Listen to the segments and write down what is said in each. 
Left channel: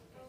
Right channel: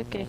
okay.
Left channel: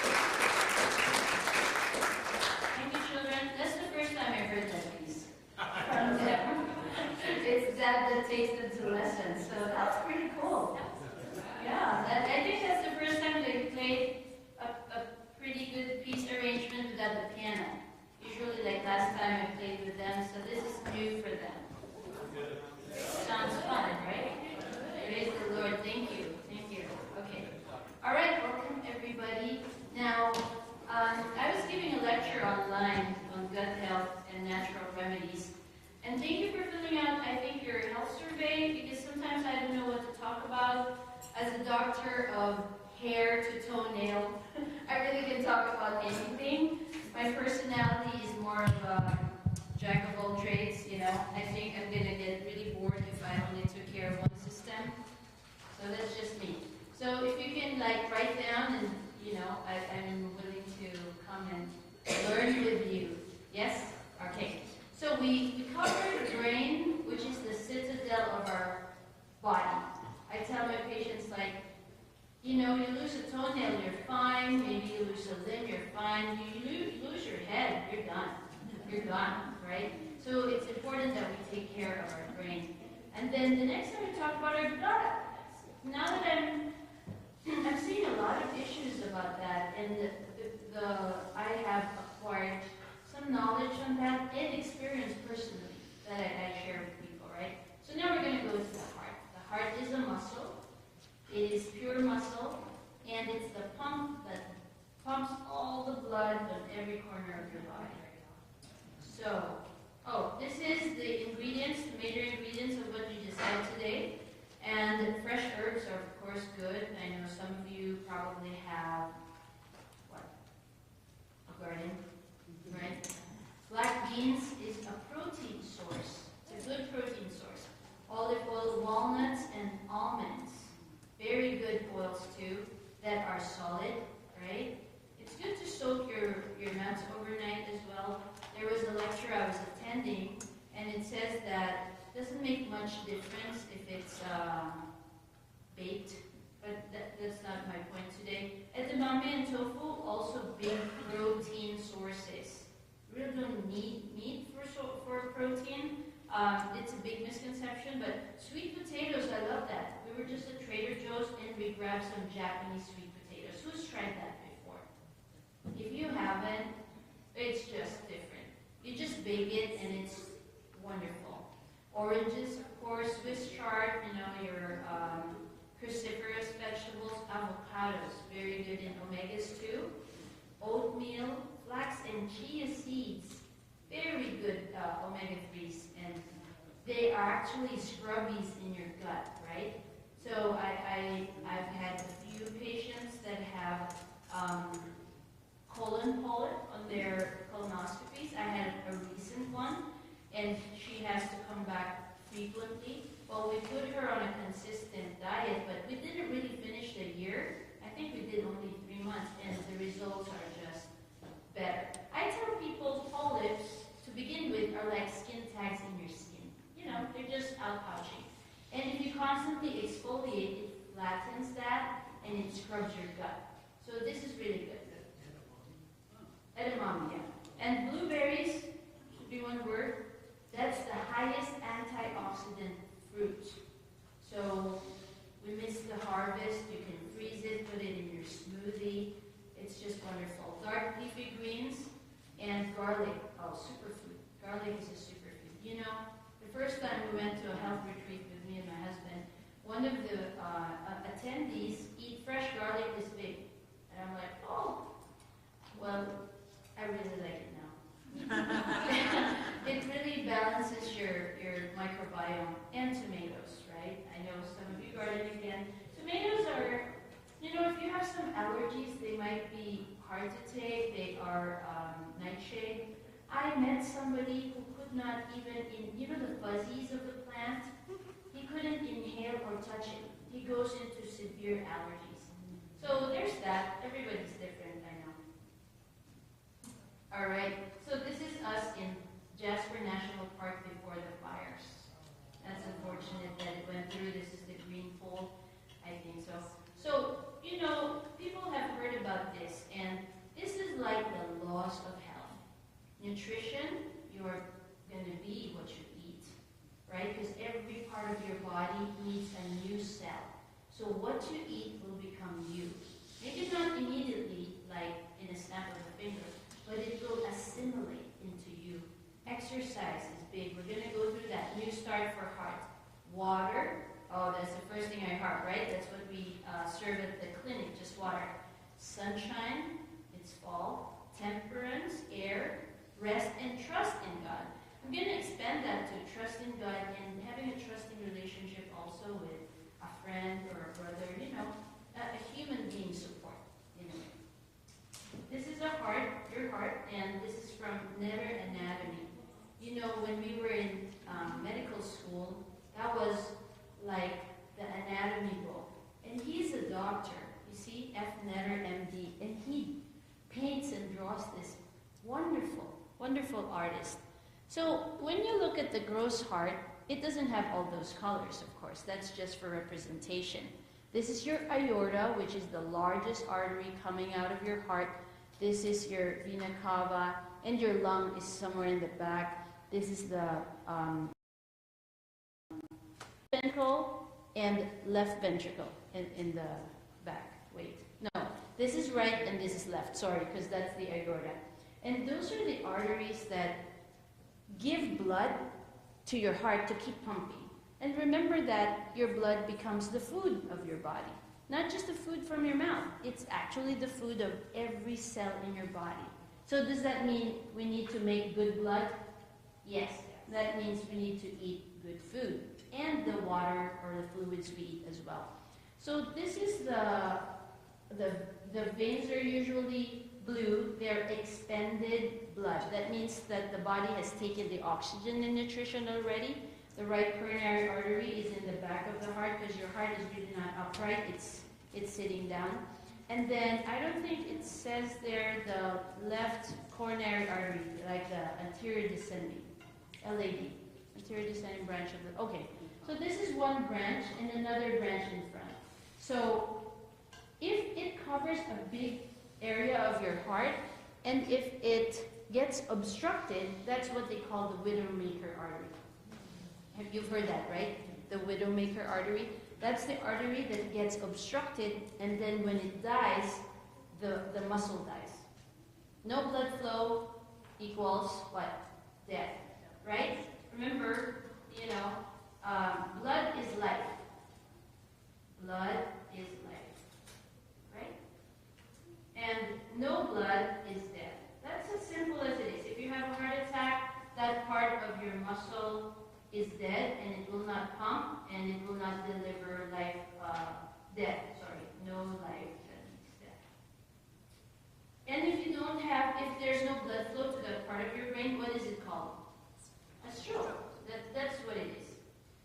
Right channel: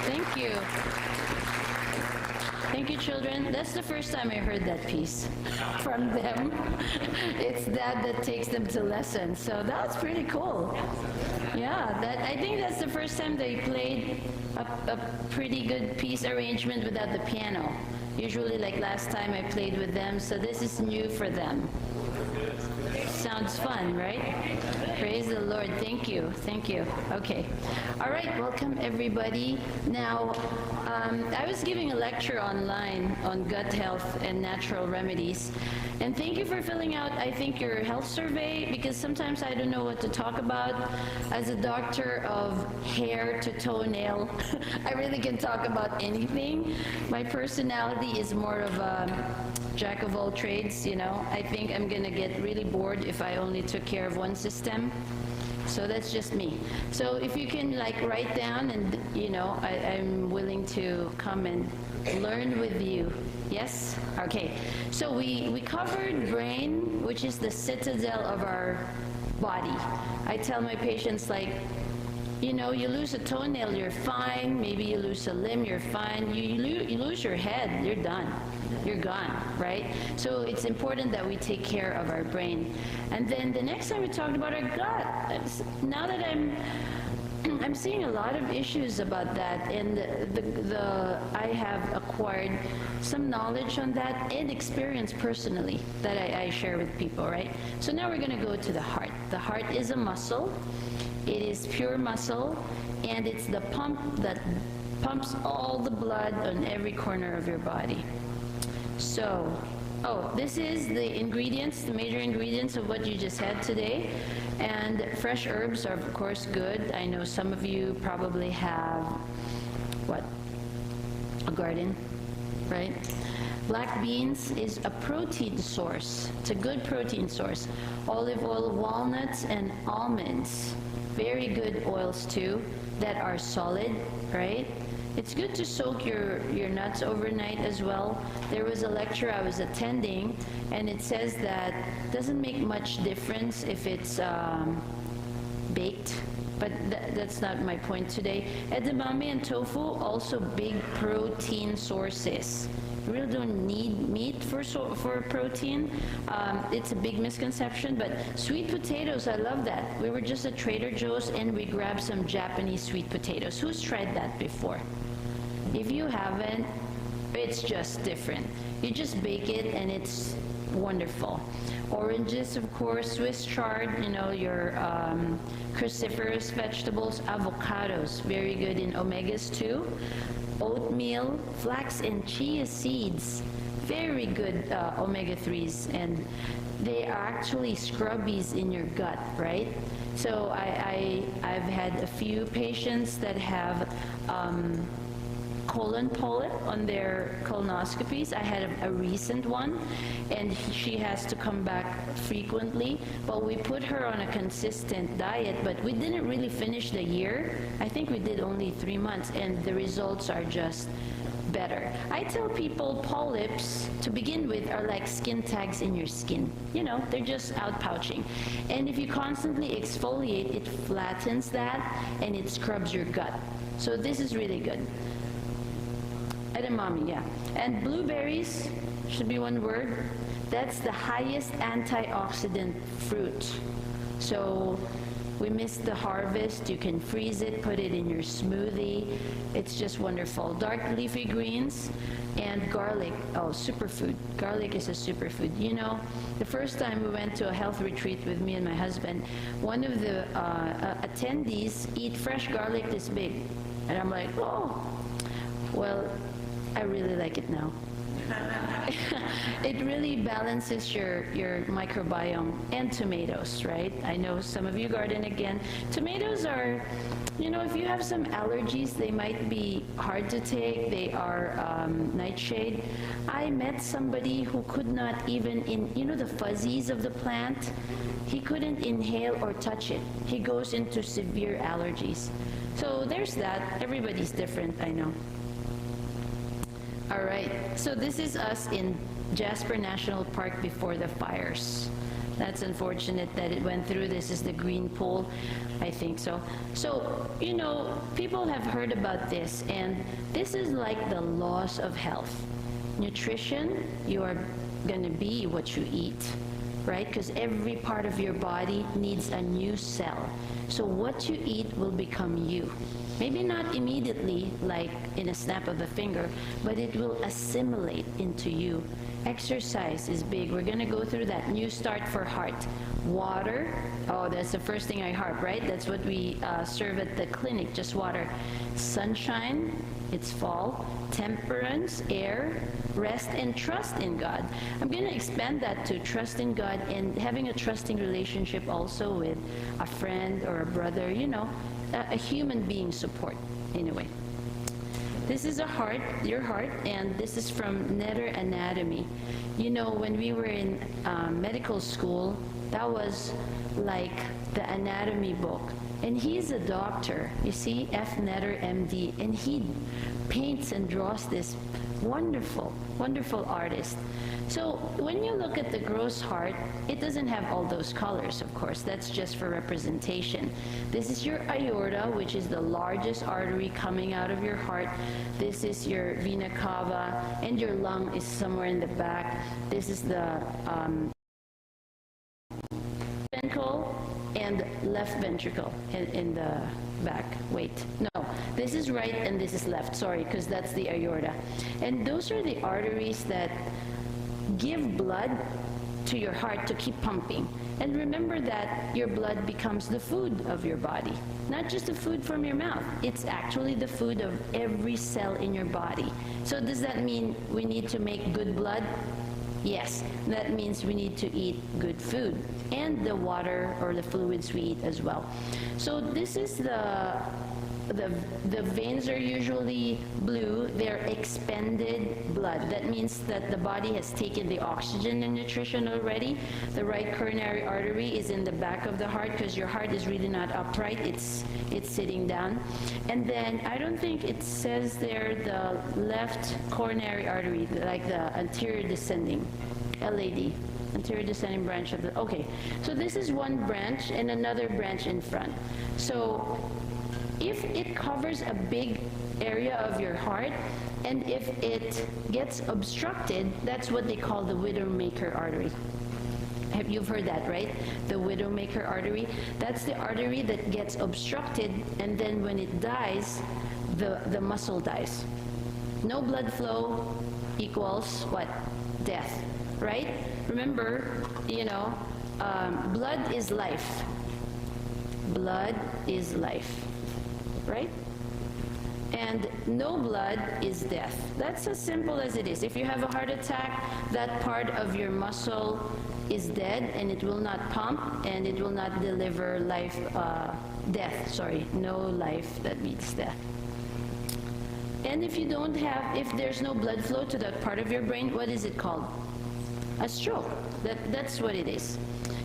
Thank you. Thank you, children. That's the first time I heard that piece from them. It's Dad that takes them to lessons, so that's pretty cool. Yeah, I think that's the first time they played a pretty good piece arrangement without the piano. Usually, like last time I played with them, so this is new for them. Sounds fun, right? Praise the Lord. Thank you. Thank you. Okay. All right. Welcome, everybody. Now, I was giving a lecture online on gut health and natural remedies. And thank you for filling out, I think, your health survey, because sometimes I don't know what to talk about. As a doctor of hair to toenail, I really can talk about anything. My personality is more of a jack of all trades, you know. I think I'm gonna get really bored if I only took care of one system. So that's just me. So if you can like write down, and you know, I'm willing to come and learn with you. Yes? Okay. So we covered brain, which is the citadel of our body. I tell my patients, like, you know, you lose a toenail, you're fine. Maybe you lose a limb, you're fine. You lose your head, you're done. You're gone, right? So it's important that we take care of our brain. And then the next time we talked about our gut. Now that I'm seeing a lot of issues about that, and I have acquired some knowledge on that and experience personally that I share with people, right? So now we're going to go to the heart. The heart is a muscle. It is pure muscle, and it's the pump that pumps all the blood on every corner of your body. So, this is the ingredients, the major ingredients of what you just had today. And fresh herbs are, of course, good. I know some of you probably have, a garden, right? Black beans is a protein source. It's a good protein source. Olive oil, walnuts, and almonds. Very good oils, too, that are solid, right? It's good to soak your nuts overnight as well. There was a lecture I was attending, and it says that it doesn't make much difference if it's baked, but that's not my point today. Edamame and tofu, also big protein sources. really don't need meat for protein. It's a big misconception, but sweet potatoes, I love that. We were just at Trader Joe's and we grabbed some Japanese sweet potatoes. Who's tried that before? If you haven't, it's just different. You just bake it and it's wonderful. Oranges, of course, Swiss chard, your cruciferous vegetables, avocados, very good in omegas too. Oatmeal, flax and chia seeds, very good omega-3s, and they are actually scrubbies in your gut, right? So I've had a few patients that have colon polyp on their colonoscopies. I had a recent one, and she has to come back frequently, but we put her on a consistent diet, but we didn't really finish the year. I think we did only 3 months, and the results are just better. I tell people polyps, to begin with, are like skin tags in your skin. They're just outpouching. And if you constantly exfoliate, it flattens that, and it scrubs your gut. So this is really good. Edamame, yeah. And blueberries, should be one word. That's the highest antioxidant fruit. So we missed the harvest. You can freeze it, put it in your smoothie. It's just wonderful. Dark leafy greens and garlic. Oh, superfood. Garlic is a superfood. The first time we went to a health retreat with me and my husband, one of the attendees eat fresh garlic this big. And I'm like, oh, well, I really like it now. It really balances your microbiome. And tomatoes, right? I know some of you garden again. Tomatoes are, if you have some allergies, they might be hard to take. They are nightshade. I met somebody who could not even, the fuzzies of the plant, he couldn't inhale or touch it. He goes into severe allergies. So there's that. Everybody's different, I know. All right, so this is us in Jasper National Park before the fires. That's unfortunate that it went through. This is the green pool, I think so. So, people have heard about this, and this is like the laws of health. Nutrition, you are going to be what you eat, right? Because every part of your body needs a new cell. So what you eat will become you. Maybe not immediately, like in a snap of the finger, but it will assimilate into you. Exercise is big. We're going to go through that. New start for heart. Water. Oh, that's the first thing I harp, right? That's what we serve at the clinic, just water. Sunshine. It's fall. Temperance, air, rest, and trust in God. I'm going to expand that to trust in God and having a trusting relationship also with a friend or a brother, a human being support, in a way. This is a heart, your heart, and this is from Netter Anatomy. When we were in medical school, that was like the anatomy book. And he's a doctor, you see, F. Netter, MD, and he paints and draws this wonderful, wonderful artist. So when you look at the gross heart, it doesn't have all those colors, of course. That's just for representation. This is your aorta, which is the largest artery coming out of your heart. This is your vena cava, and your lung is somewhere in the back. This is the ventricle and left ventricle in the back. Wait, no, this is right and this is left. Sorry, because that's the aorta. And those are the arteries that give blood to your heart to keep pumping. And remember that your blood becomes the food of your body, not just the food from your mouth. It's actually the food of every cell in your body. So does that mean we need to make good blood? Yes, that means we need to eat good food and the water or the fluids we eat as well. So this is the veins are usually blue. They're expended blood. That means that the body has taken the oxygen and nutrition already. The right coronary artery is in the back of the heart because your heart is really not upright. It's sitting down. And then I don't think it says there the left coronary artery, like the anterior descending, LAD. Anterior descending branch of the, okay. So this is one branch and another branch in front. So if it covers a big area of your heart And if it gets obstructed, that's what they call the widowmaker artery. You've heard that, right? The widowmaker artery. That's the artery that gets obstructed, and then when it dies, the muscle dies. No blood flow equals what? Death, right? Remember, blood is life. Blood is life, right? And no blood is death. That's as simple as it is. If you have a heart attack, that part of your muscle is dead, and it will not pump, and it will not deliver no life, that means death. And if there's no blood flow to that part of your brain, what is it called? A stroke. That's what it is.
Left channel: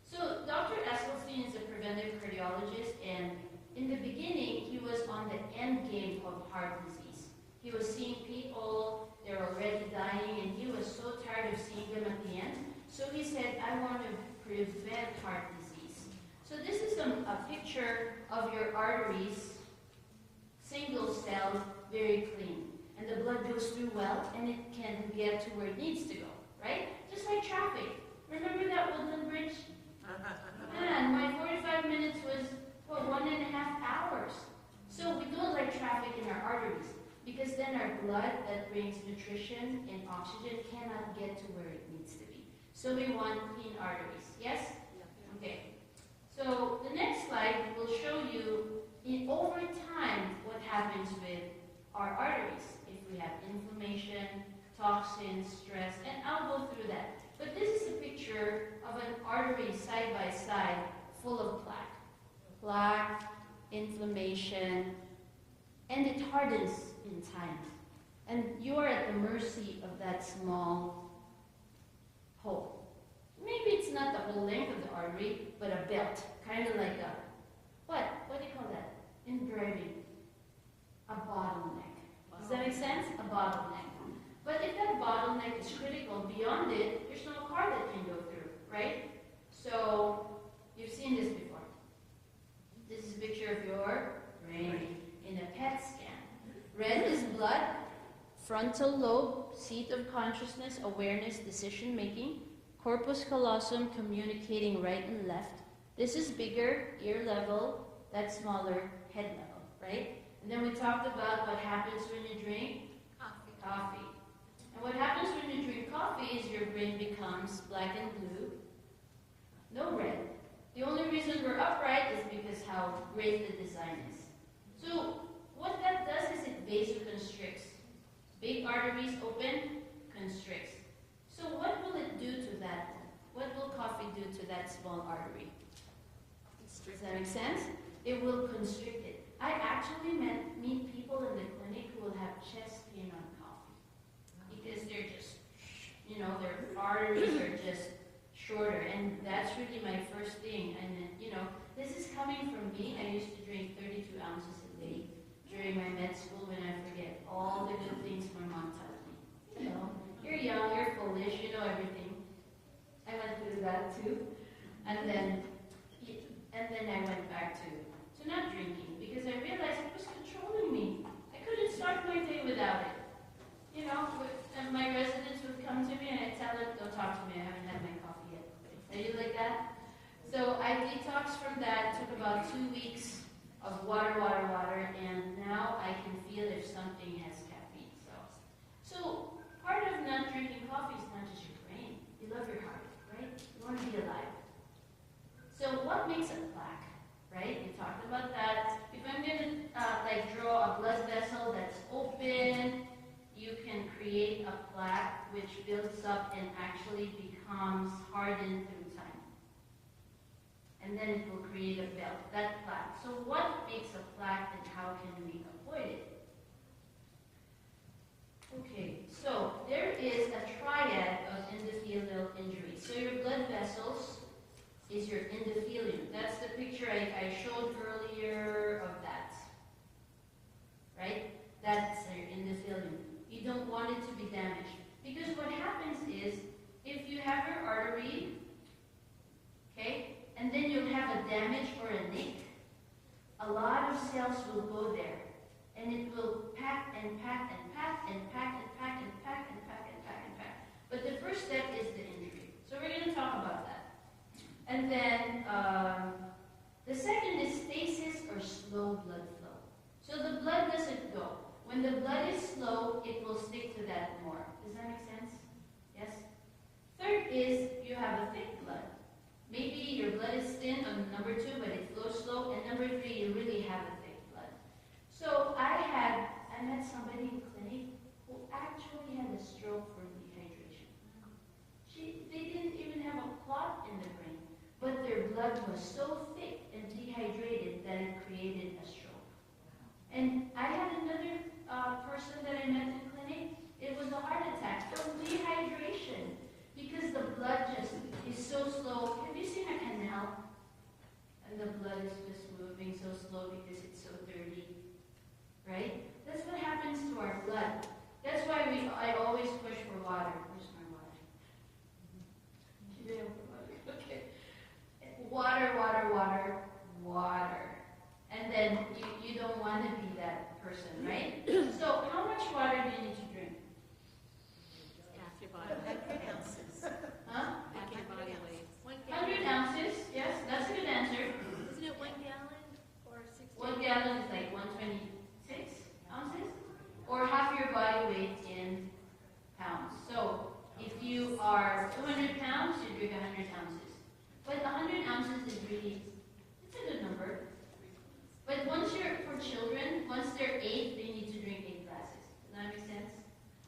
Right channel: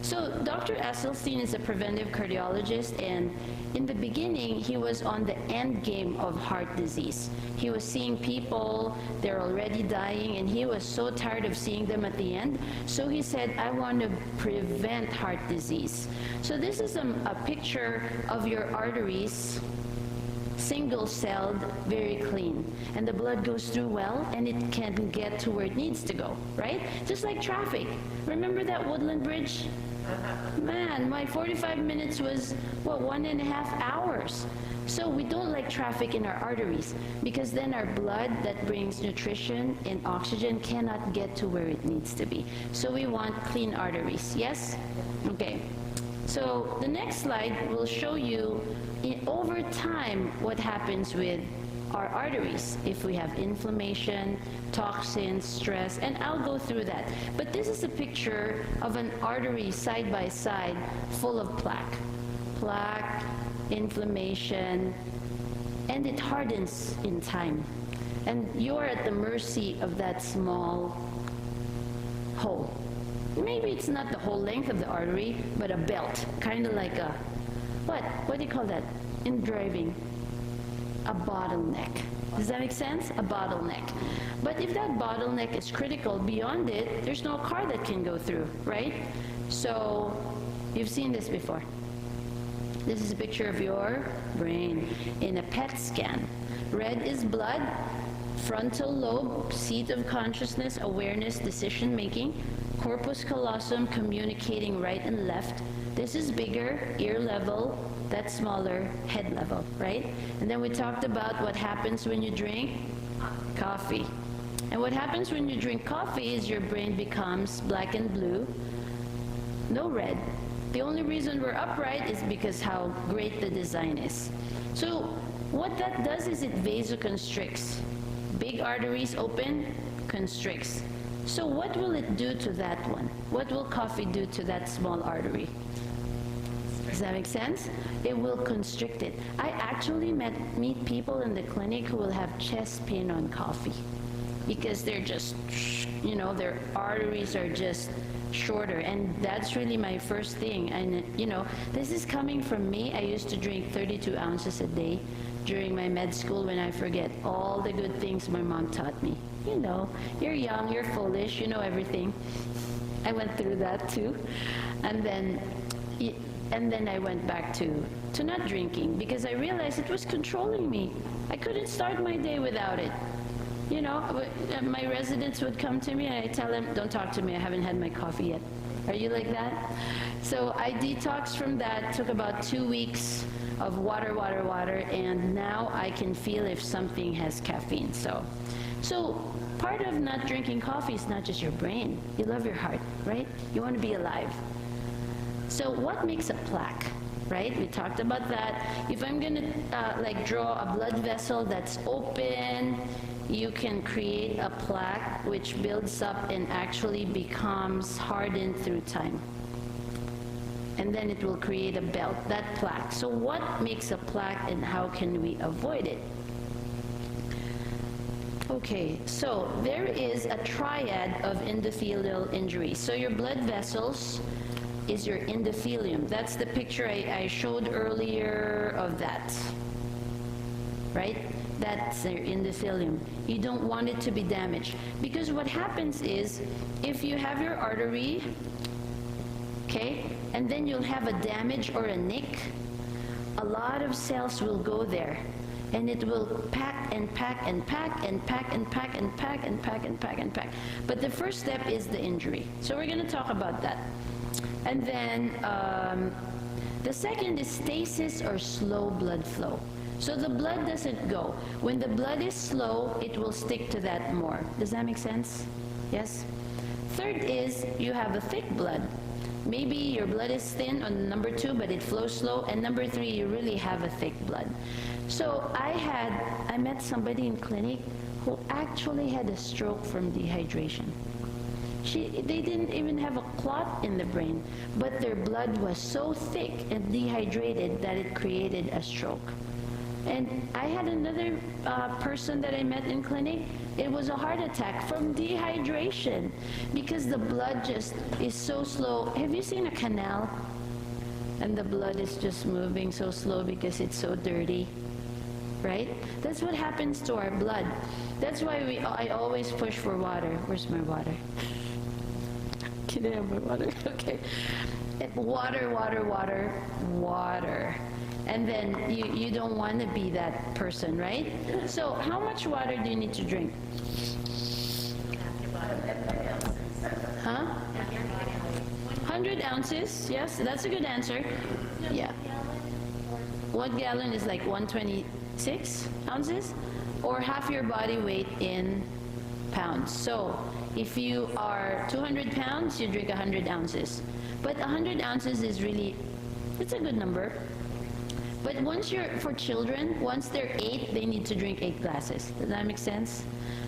So Dr. Esselstyn is a preventive cardiologist, and in the beginning, he was on the end game of heart disease. He was seeing people, they're already dying, and he was so tired of seeing them at the end. So he said, I want to prevent heart disease. So this is a picture of your arteries, single-celled, very clean. And the blood goes through well, and it can get to where it needs to go, right? Just like traffic. Remember that Woodland Bridge? Man, my 45 minutes was, 1.5 hours. So we don't like traffic in our arteries, because then our blood that brings nutrition and oxygen cannot get to where it needs to be. So we want clean arteries, yes? Okay. So the next slide will show you over time what happens with our arteries if we have inflammation, toxins, stress, and I'll go through that. But this is a picture of an artery side by side full of plaque. Plaque, inflammation, and it hardens in time. And you are at the mercy of that small hole. Maybe it's not the whole length of the artery, but a belt, kind of like what do you call that in driving? A bottleneck. Does that make sense? A bottleneck. But if that bottleneck is critical, beyond it, there's no car that can go through, right? So you've seen this before. This is a picture of your brain in a PET scan. Red is blood, frontal lobe, seat of consciousness, awareness, decision making, corpus callosum communicating right and left. This is bigger, ear level, that's smaller, head level, right? And then we talked about what happens when you drink coffee. And what happens when you drink coffee is your brain becomes black and blue, no red. The only reason we're upright is because how great the design is. So what that does is it vasoconstricts. Big arteries open, constricts. So what will it do to that one? What will coffee do to that small artery? Does that make sense? It will constrict it. I actually meet people in the clinic who will have chest pain on coffee because they're just, their arteries are just shorter. And that's really my first thing. And, this is coming from me. I used to drink 32 ounces a day during my med school when I forget all the good things my mom taught me. You're young, you're foolish, you know everything. I went through that too. And then I went back to not drinking because I realized it was controlling me. I couldn't start my day without it. My residents would come to me and I tell them, don't talk to me, I haven't had my coffee yet. Are you like that? So I detoxed from that, took about 2 weeks of water, and now I can feel if something has caffeine. So part of not drinking coffee is not just your brain. You love your heart, right? You want to be alive. So what makes a plaque, right? We talked about that. If I'm going to draw a blood vessel that's open, you can create a plaque which builds up and actually becomes hardened through time. And then it will create a belt, that plaque. So what makes a plaque and how can we avoid it? Okay, so there is a triad of endothelial injuries. So your blood vessels is your endothelium. That's the picture I showed earlier of that, right? That's your endothelium. You don't want it to be damaged because what happens is if you have your artery, okay, and then you'll have a damage or a nick, a lot of cells will go there and it will pack and pack and pack and pack and pack and pack and pack and pack and pack. But the first step is the injury. So we're going to talk about that. And then the second is stasis or slow blood flow. So the blood doesn't go. When the blood is slow, it will stick to that more. Does that make sense? Yes? Third is you have a thick blood. Maybe your blood is thin on number 2, but it flows slow. And number 3, you really have a thick blood. So I met somebody in clinic who actually had a stroke from dehydration. They didn't even have a clot in the brain, but their blood was so thick and dehydrated that it created a stroke. And I had another person that I met in clinic. It was a heart attack from dehydration because the blood just is so slow. Have you seen a canal? And the blood is just moving so slow because it's so dirty, right? That's what happens to our blood. That's why I always push for water. Where's my water? Can I have my water? Okay. Water, water, water, water. And then you don't want to be that person, right? So how much water do you need to drink? Huh? 100 ounces, yes, that's a good answer. Yeah. 1 gallon is like 126 ounces, or half your body weight in pounds. So if you are 200 pounds, you drink 100 ounces. But 100 ounces is really, it's a good number. But for children, once they're 8, they need to drink 8 glasses. Does that make sense?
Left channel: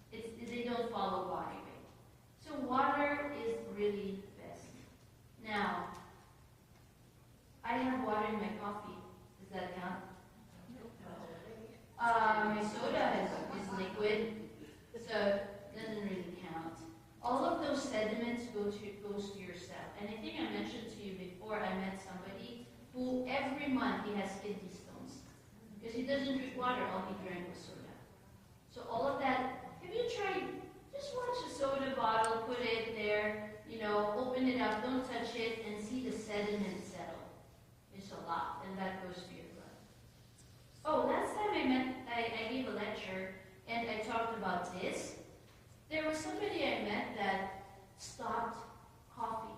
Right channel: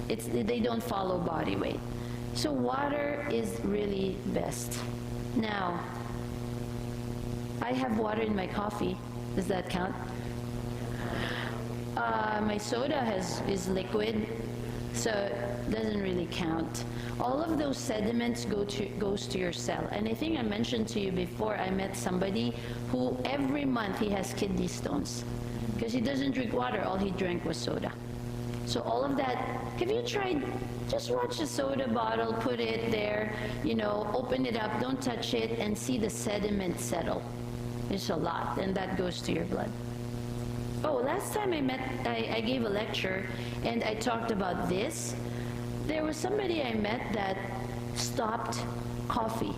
They don't follow body weight. So water is really best. Now, I have water in my coffee. Does that count? My soda is liquid, so it doesn't really count. All of those sediments goes to your cell. And I think I mentioned to you before, I met somebody who every month he has kidney stones because he doesn't drink water. All he drank was soda. So all of that, have you tried, just watch the soda bottle, put it there, open it up, don't touch it, and see the sediment settle. It's a lot, and that goes to your blood. Oh, last time I gave a lecture, and I talked about this. There was somebody I met that stopped coffee.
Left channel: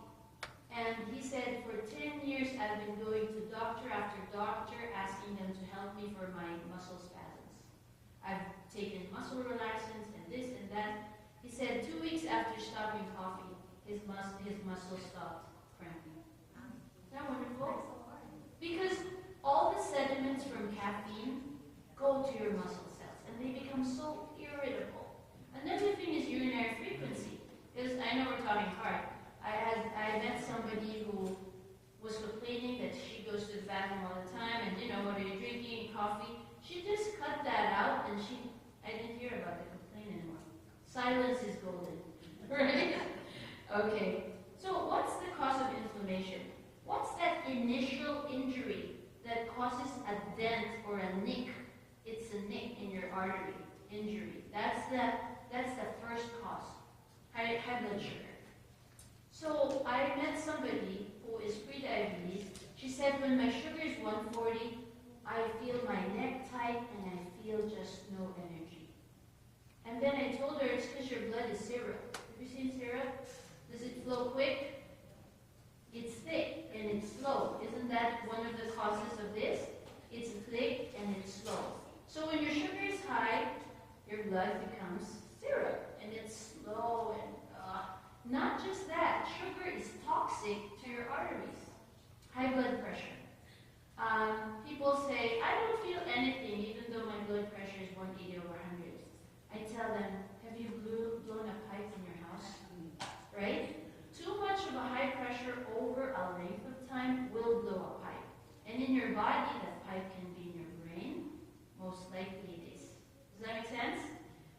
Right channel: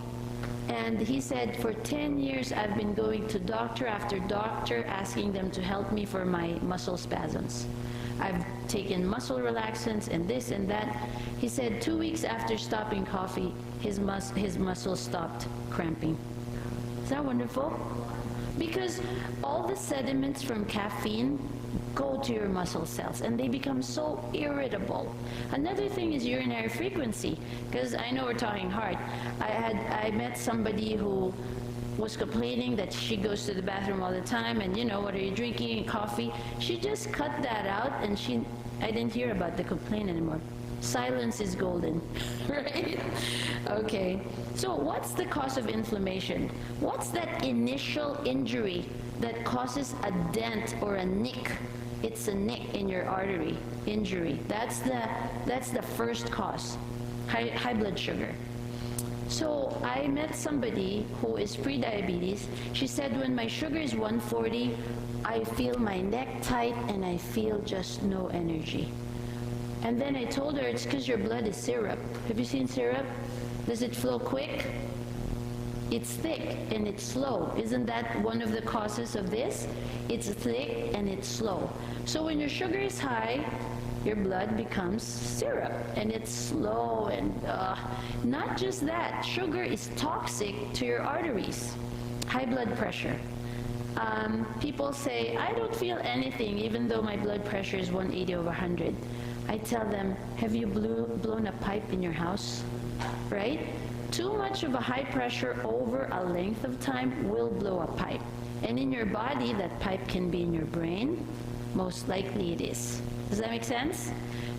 And he said, for 10 years, I've been going to doctor after doctor, asking them to help me for my muscle spasms. I've taken muscle relaxants and this and that. He said 2 weeks after stopping coffee, his muscles stopped cramping. Is that wonderful? Because all the sediments from caffeine go to your muscle cells and they become so irritable. Another thing is urinary frequency, because I know we're talking heart. I met somebody who was complaining that she goes to the bathroom all the time, and what are you drinking? Coffee. She just cut that out, and I didn't hear about the complaint anymore. Silence is golden, right? Okay, so what's the cause of inflammation? What's that initial injury that causes a dent or a nick? It's a nick in your artery, injury. That's the first cause, high blood sugar. So I met somebody who is pre-diabetes. She said, when my sugar is 140, I feel my neck tight and I feel just no energy. And then I told her, it's because your blood is syrup. Have you seen syrup? Does it flow quick? It's thick and it's slow. Isn't that one of the causes of this? It's thick and it's slow. So when your sugar is high, your blood becomes syrup and it's slow, and not just that, sugar is toxic to your arteries. High blood pressure. People say, I don't feel anything even though my blood pressure is 180/100. I tell them, have you blown a pipe in your house? Right? Too much of a high pressure over a length of time will blow a pipe. And in your body, that pipe can be in your brain. Most likely it is. Does that make sense?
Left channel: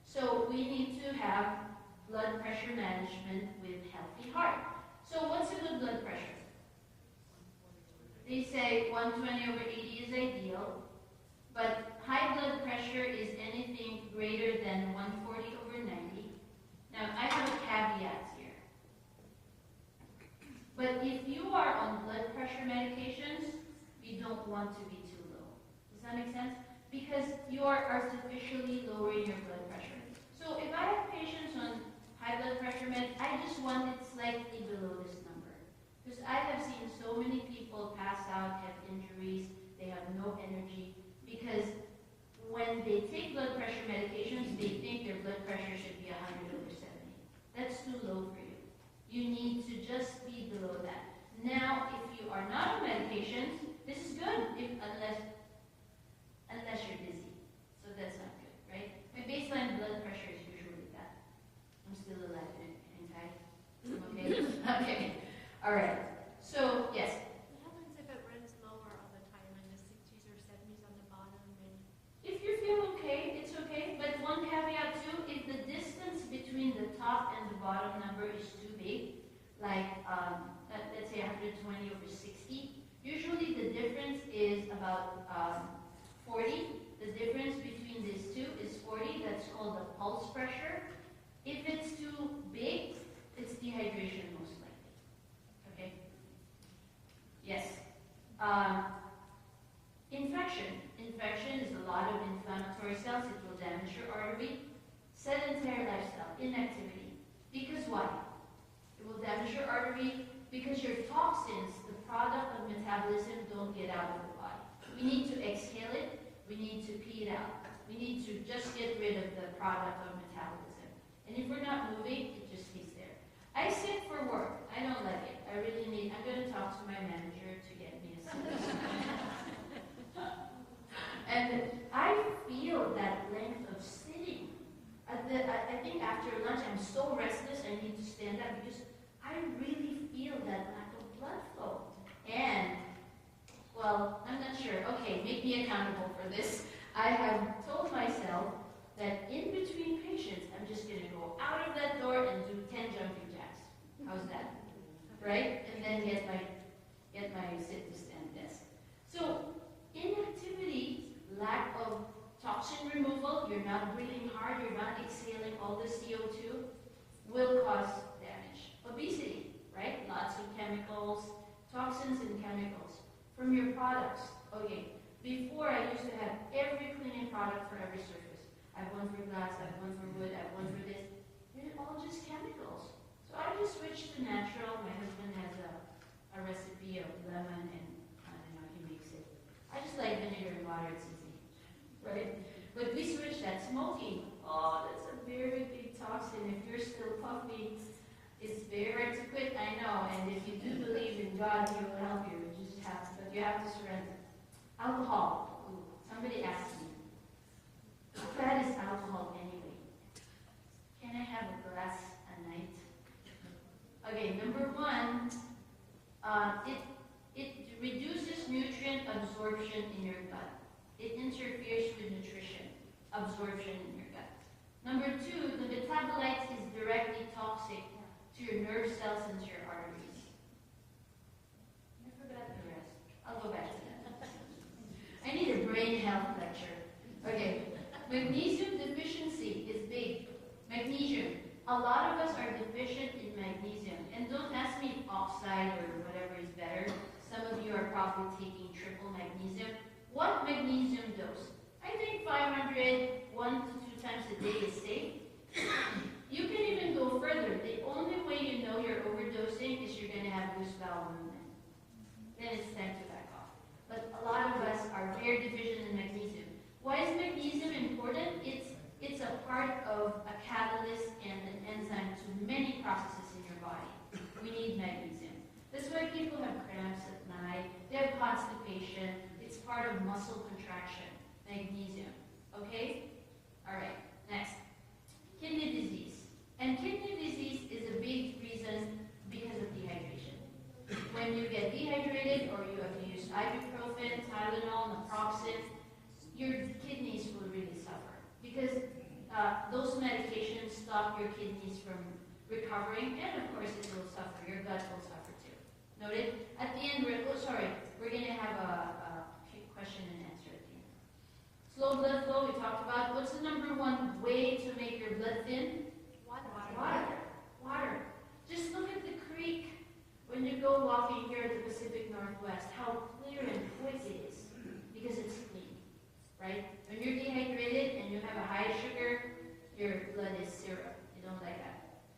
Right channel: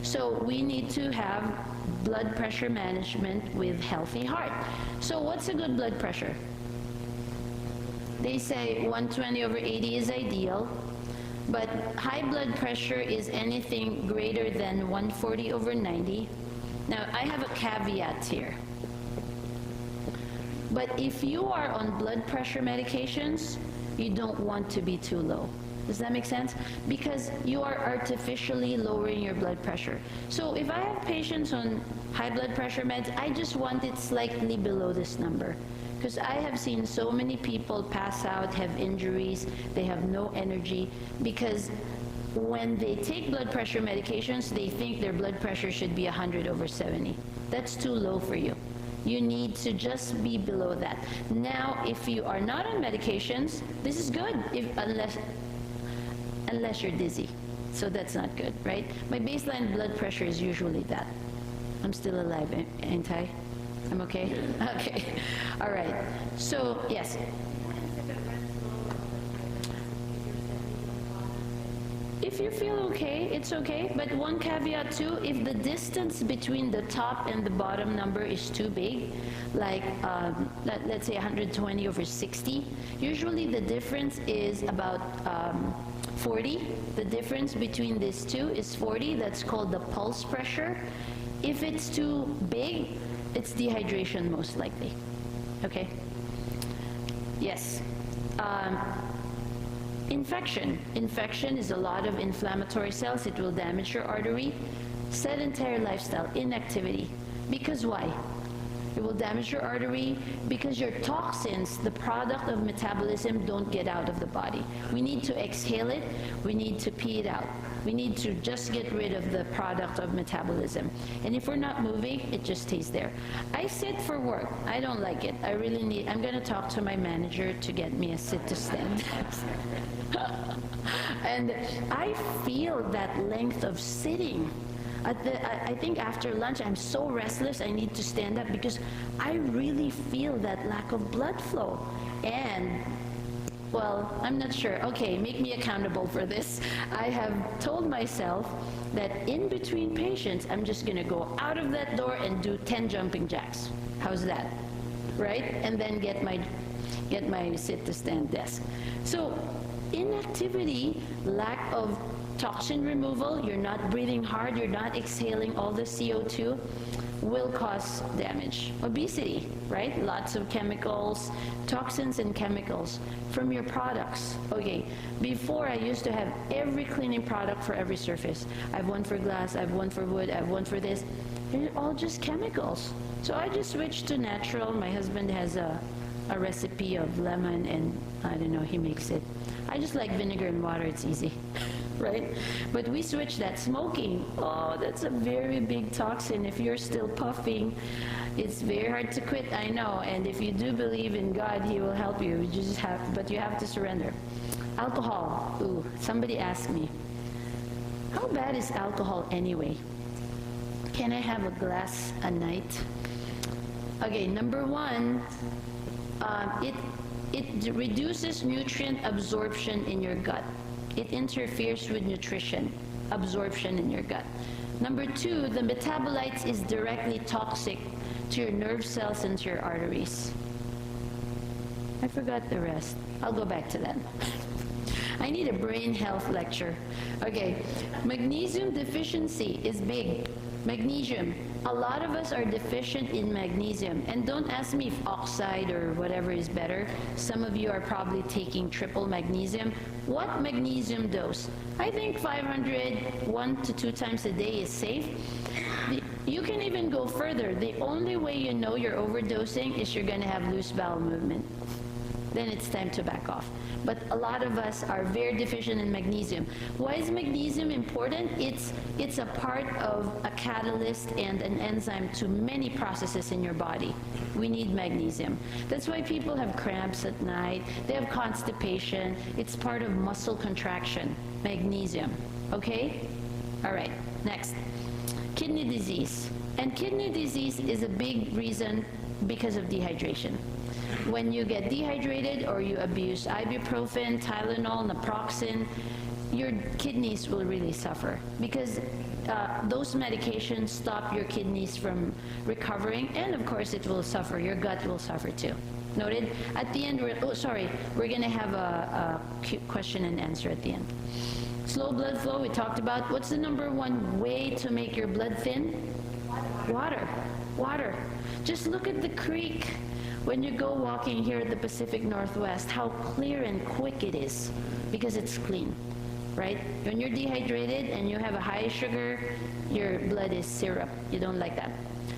So we need to have blood pressure management with healthy heart. So what's a good blood pressure? They say 120/80 is ideal, but high blood pressure is anything greater than 140/90. Now, I have a caveat here. But if you are on blood pressure medications, you don't want to be too low. Does that make sense? Because you are artificially lowering your blood pressure. So if I have patients on high blood pressure meds, I just want it slightly below this number. Because I have seen so many people pass out, have injuries, they have no energy, because when they take blood pressure medications, they think their blood pressure should be 100/70. That's too low for you. You need to just be below that. Now, if you are not on medications, this is good, unless you're dizzy. So that's not good, right? My baseline blood pressure is usually that. I'm still alive, ain't I? I'm okay? Okay. All right. So, yes. If you feel okay, it's okay. But one caveat too, if the distance between the top and the bottom number is too big, like let's say 120/60, usually the difference is about 40. The difference between these two is 40. That's called the pulse pressure. If it's too big, it's dehydration most likely. Okay? Yes. Infection. Infection is a lot of inflammatory cells. It will damage your artery. Sedentary lifestyle, inactivity. Because why? It will damage your artery because your toxins, the product of metabolism, don't get out of the body. We need to exhale it. We need to pee it out. We need to just get rid of the product of metabolism. And if we're not moving, it just stays there. I sit for work. I don't like it. I really need, I'm going to talk to my manager to get me a sit to stand. And I feel that length of sitting. I think after lunch, I'm so restless, I need to stand up because I really feel that lack of blood flow. And well, I'm not sure. Okay, make me accountable for this. I have told myself that in between patients, I'm just going to go out of that door and do 10 jumping jacks. How's that? Right? And then get my sit-to-stand desk. So inactivity, lack of toxin removal, you're not breathing hard, you're not exhaling all the CO2, will cause damage. Obesity, right? Lots of chemicals, toxins and chemicals from your products. Okay, before I used to have every cleaning product for every surface. I have one for glass, I have one for wood, I have one for this. They're all just chemicals. So I just switched to natural. My husband has a recipe of lemon and I don't know, he makes it. I just like vinegar and water, it's easy. Right? But we switched that. Smoking, oh, that's a very big toxin. If you're still puffing, it's very hard to quit, I know. And if you do believe in God, He will help you. But you have to surrender. Alcohol, ooh, somebody asked me, how bad is alcohol anyway? Can I have a glass a night? Okay, number one, it reduces nutrient absorption in your gut. It interferes with nutrition absorption in your gut. Number two, the metabolites is directly toxic to your nerve cells and to your arteries. I forgot the rest. I'll go back to that. I need a brain health lecture. Okay, magnesium deficiency is big. Magnesium. A lot of us are deficient in magnesium. And don't ask me if oxide or whatever is better. Some of you are probably taking triple magnesium. What magnesium dose? I think 500, 1 to 2 times a day is safe. You can even go further. The only way you know you're overdosing is you're going to have loose bowel movement. Then it's time to back off. But a lot of us are very deficient in magnesium. Why is magnesium important? It's a part of a catalyst and an enzyme to many processes in your body. We need magnesium. That's why people have cramps at night. They have constipation. It's part of muscle contraction. Magnesium. Okay? All right. Next. Kidney disease. And kidney disease is a big reason because of dehydration. When you get dehydrated or you abuse ibuprofen, Tylenol, naproxen, your kidneys will really suffer because those medications stop your kidneys from recovering, and of course it will suffer. Your gut will suffer too. Noted? At the end, we're going to have a question and answer at the end. Slow blood flow, we talked about. What's the number one way to make your blood thin? Water. Water. Just look at the creek. when you go walking here in the Pacific Northwest, how clear and quick it is because it's clean, right? When you're dehydrated and you have a high sugar, your blood is syrup. You don't like that.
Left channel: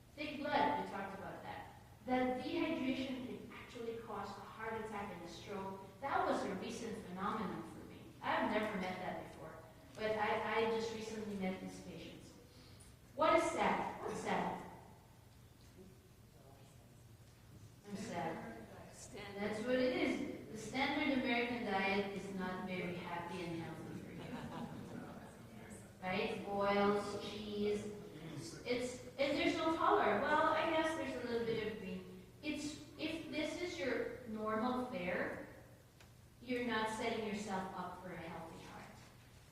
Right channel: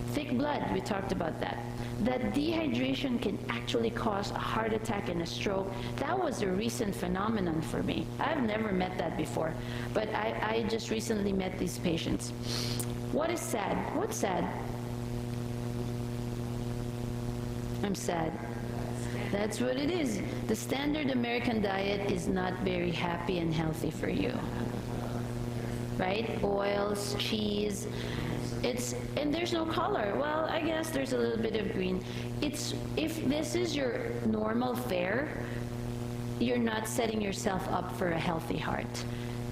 Thick blood, we talked about that. That dehydration can actually cause a heart attack and a stroke. That was a recent phenomenon for me. I've never met that before, but I just recently met these patients. What is sad? What's sad? I'm sad. That's what it is. The standard American diet is not very happy and healthy for you. Right? Oils, cheese. And there's no color. Well, I guess there's a little bit of green. If this is your normal fare, you're not setting yourself up for a healthy heart.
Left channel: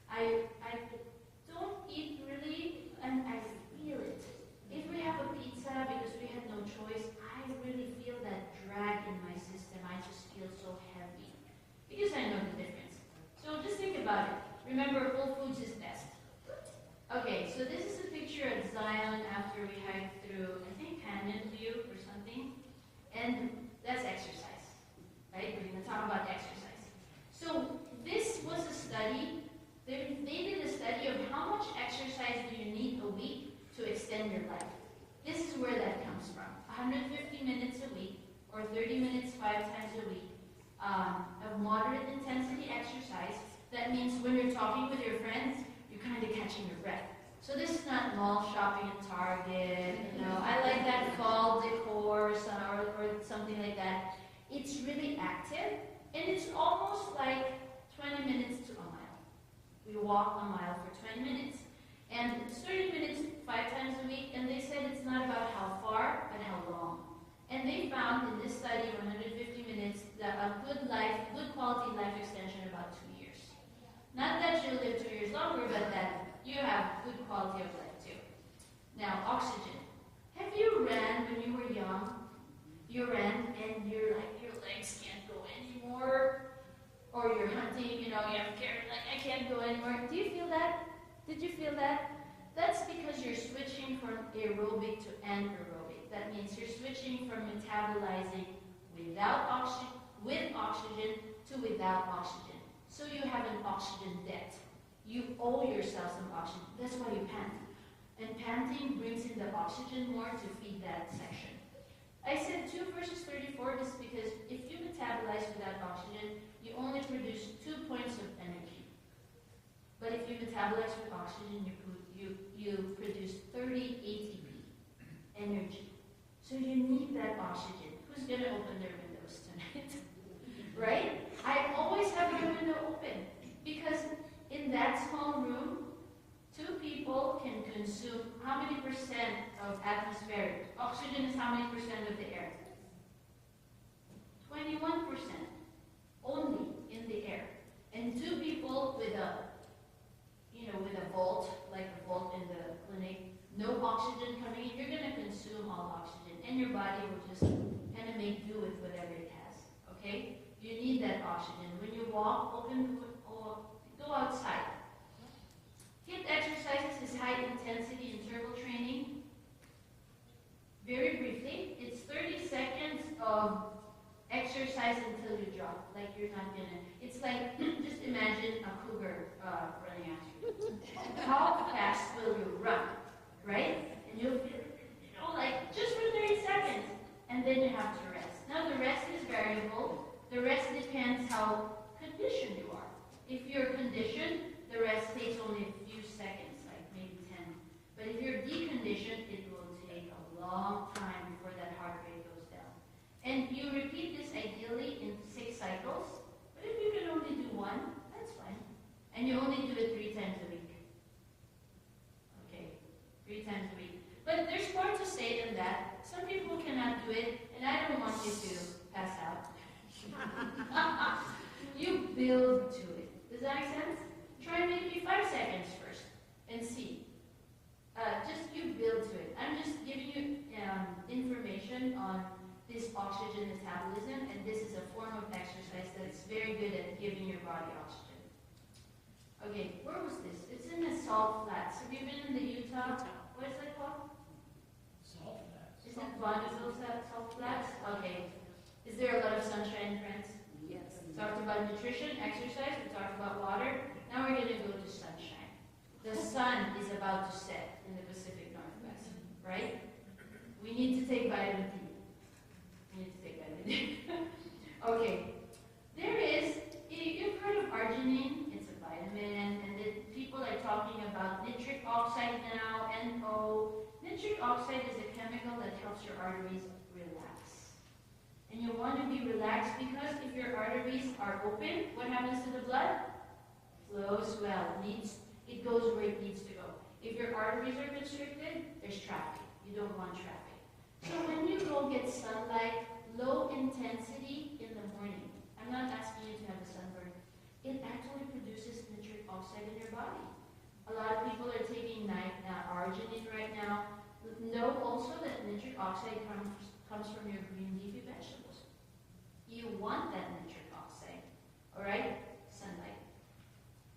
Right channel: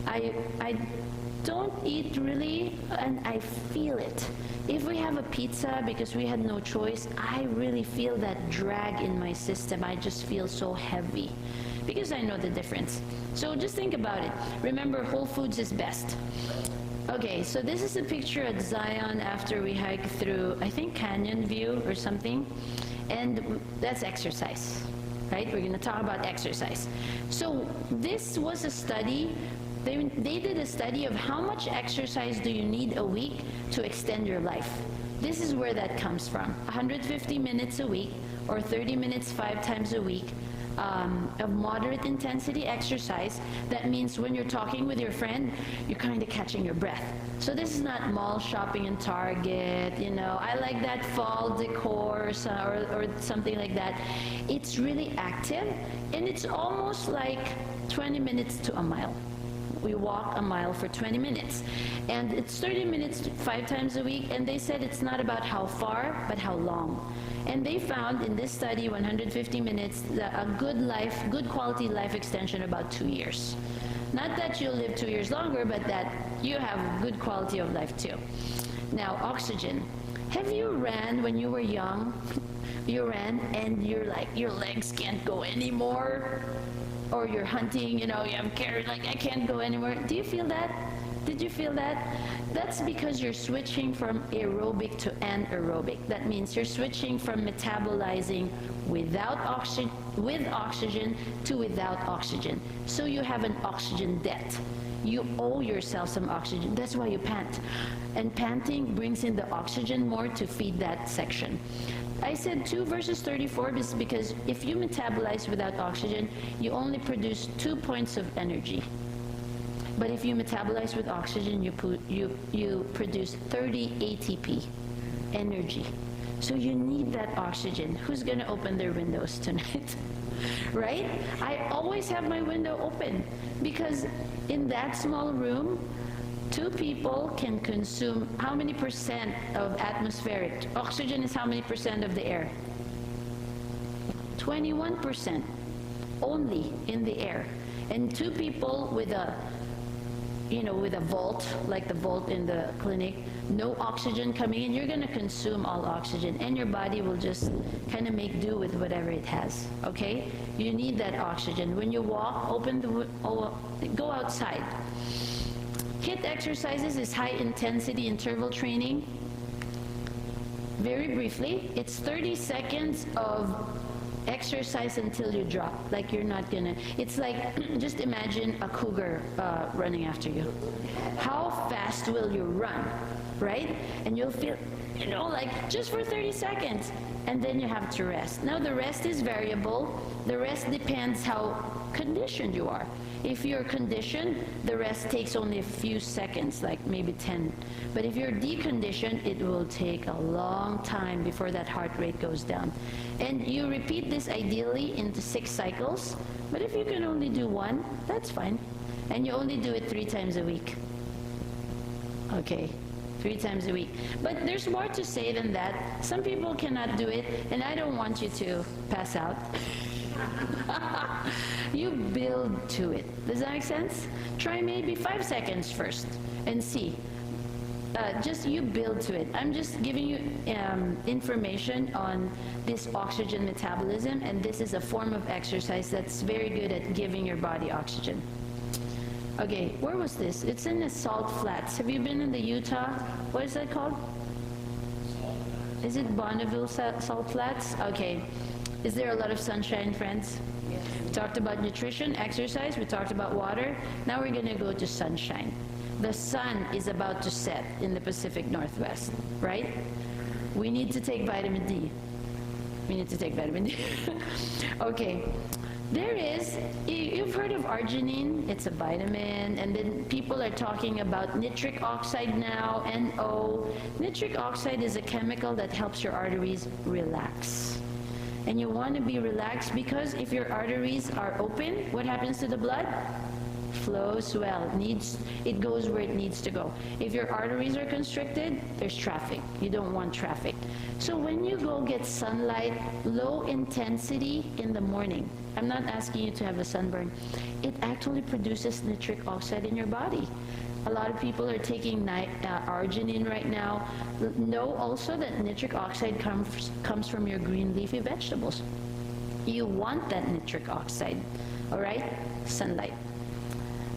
I don't eat really, and I feel it. If we have a pizza because we had no choice, I really feel that drag in my system. I just feel so heavy because I know the difference. So just think about it. Remember, Whole Foods is best. Okay, so this is a picture at Zion after we hike through, I think, Canyon View or something. And that's exercise, right? We're going to talk about exercise. So this was a study. They did a study of how much exercise do you need a week to extend your life. This is where that comes from. 150 minutes a week or 30 minutes 5 times a week of moderate intensity exercise. That means when you're talking with your friend, you're kind of catching your breath. So this is not mall shopping in Target, you know, I like that fall decor or something like that. It's really active, and it's almost like 20 minutes to a mile. We walk a mile for 20 minutes. And it's 30 minutes 5 times a week, and they said it's not about how far, but how long. And they found in this study, 150 minutes, a good quality life extension about 2 years. Not that you'll live 2 years longer, but that you have good quality of life too. Now, oxygen. Have you ran when you were young? You ran and you're like, your legs can't go anymore? Or you're hunting, you know, I'm carried, like I can't go anymore. Do you feel that? Did you feel that? That's because you're switching from aerobic to anaerobic. That means you're switching from metabolizing with oxygen to without oxygen. So you have an oxygen debt. You owe yourself some oxygen. That's why you pant. And panting brings in the oxygen more to feed that section. I said 2 versus 34 is because if you metabolize without oxygen, you only produce 2 points of energy. But if you metabolize with oxygen, you produce 30 ATP, energy. So you need that oxygen. Who's going to open their windows tonight? Right? I always have my window open because in that small room, 2 people can consume how many percent of atmospheric? Oxygen is how many percent of the air? 21% only in the air. And 2 people with a volt, like the volt in the clinic, no oxygen coming in, you're going to consume all oxygen, and your body will just kind of make do with whatever it has, okay? You need that oxygen. When you walk, go outside. HIIT exercises is high intensity interval training. Very briefly, it's 30 seconds of exercise until you drop, like you're not gonna, it's like, just imagine a cougar running after you. How fast will you run, right? And you'll feel, like just for 30 seconds, and then you have to rest. Now the rest is variable. The rest depends how conditioned you are. If you're conditioned, the rest takes only a few seconds, like maybe 10. But if you're deconditioned, it will take a long time before that heart rate goes down. And you repeat this ideally into 6 cycles, but if you can only do 1, that's fine. And you only do it 3 times a week. Okay, 3 times a week. But there's more to say than that. Some people cannot do it, and I don't want you to pass out. You build to it. Does that make sense? Try maybe 5 seconds first and see. Just you build to it. I'm just giving you information on this oxygen metabolism, and this is a form of exercise that's very good at giving your body oxygen. Okay, where was this? It's in the Salt Flats. Have you been in the Utah? What is that called? is it Bonneville Salt Flats? Okay. Is there a lot of sunshine, friends? Yes. We talked about nutrition, exercise, we talked about water. Now we're going to go to sunshine. The sun is about to set in the Pacific Northwest, right? We need to take vitamin D. We need to take vitamin D. Okay. There is, you've heard of arginine, it's a vitamin, and then people are talking about nitric oxide now, NO. Nitric oxide is a chemical that helps your arteries relax. And you want to be relaxed because if your arteries are open, what happens to the blood? Flows well. It goes where it needs to go. If your arteries are constricted, there's traffic. You don't want traffic. So when you go get sunlight, low intensity in the morning, I'm not asking you to have a sunburn, it actually produces nitric oxide in your body. A lot of people are taking arginine right now. Know also that nitric oxide comes from your green leafy vegetables. You want that nitric oxide, all right? Sunlight.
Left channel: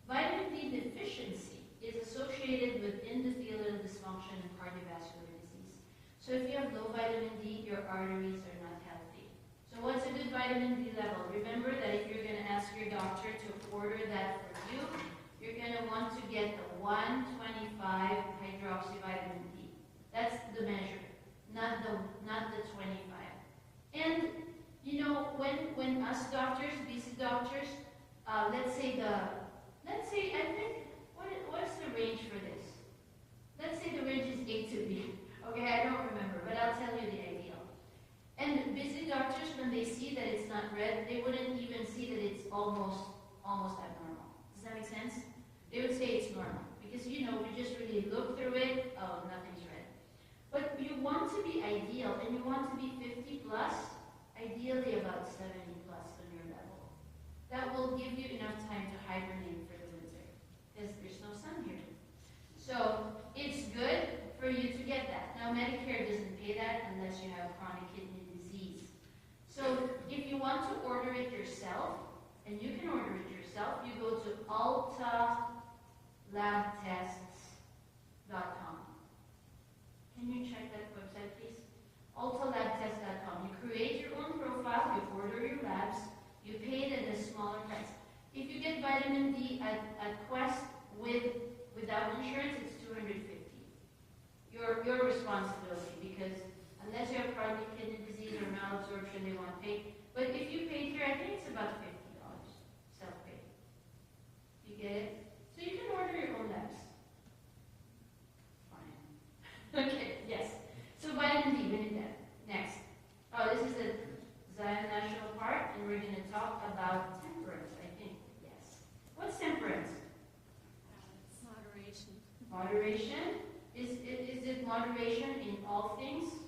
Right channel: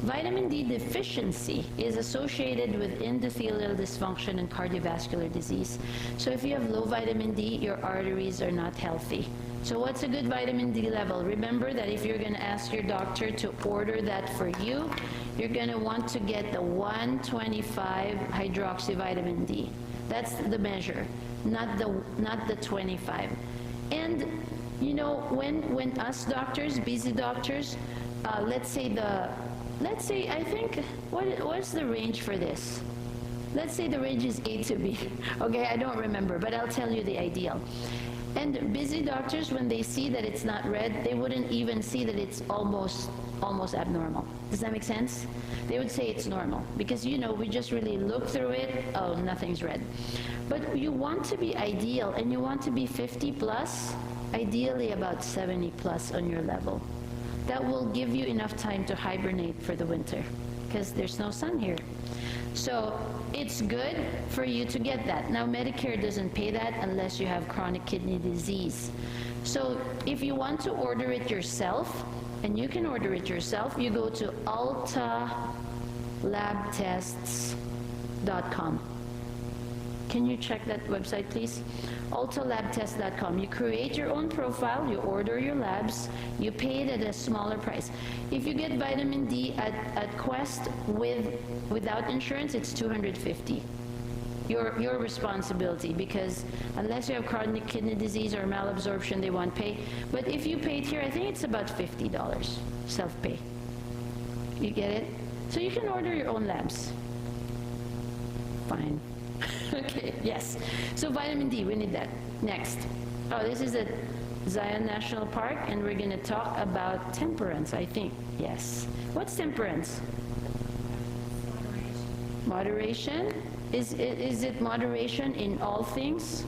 Vitamin D deficiency is associated with endothelial dysfunction and cardiovascular disease. So if you have low vitamin D, your arteries are not healthy. So what's a good vitamin D level? Remember that if you're going to ask your doctor to order that for you, you're going to want to get the 125 hydroxyvitamin D. That's the measure, not the 25. And you know, when us doctors, busy doctors, let's say I think what's the range for this? Let's say the range is A to B. Okay, I don't remember, but I'll tell you the ideal. And busy doctors, when they see that it's not red, they wouldn't even see that it's almost abnormal. Does that make sense? They would say it's normal because, you know, we just really look through it, oh, nothing's red. But you want to be ideal, and you want to be 50 plus, ideally about 70 plus on your level. That will give you enough time to hibernate for the winter because there's no sun here. So it's good for you to get that. Now Medicare doesn't pay that unless you have chronic kidney disease. So if you want to order it yourself, and you can order it yourself, you go to altalabtests.com. Can you check that website, please? altalabtest.com. You create your own profile, you order your labs, you pay it at a smaller price. If you get vitamin D at Quest without insurance, it's $250. Your responsibility, because unless you have chronic kidney disease or malabsorption, they won't pay. But if you paid here, I think it's about $50 self-pay. You get it? So you can order your own labs. Fine. Okay, yes. So vitamin D, we need that. Next. Oh, this is at Zion National Park, and we're going to talk about temperance, I think. Yes. What's temperance? Moderation. Is it moderation in all things?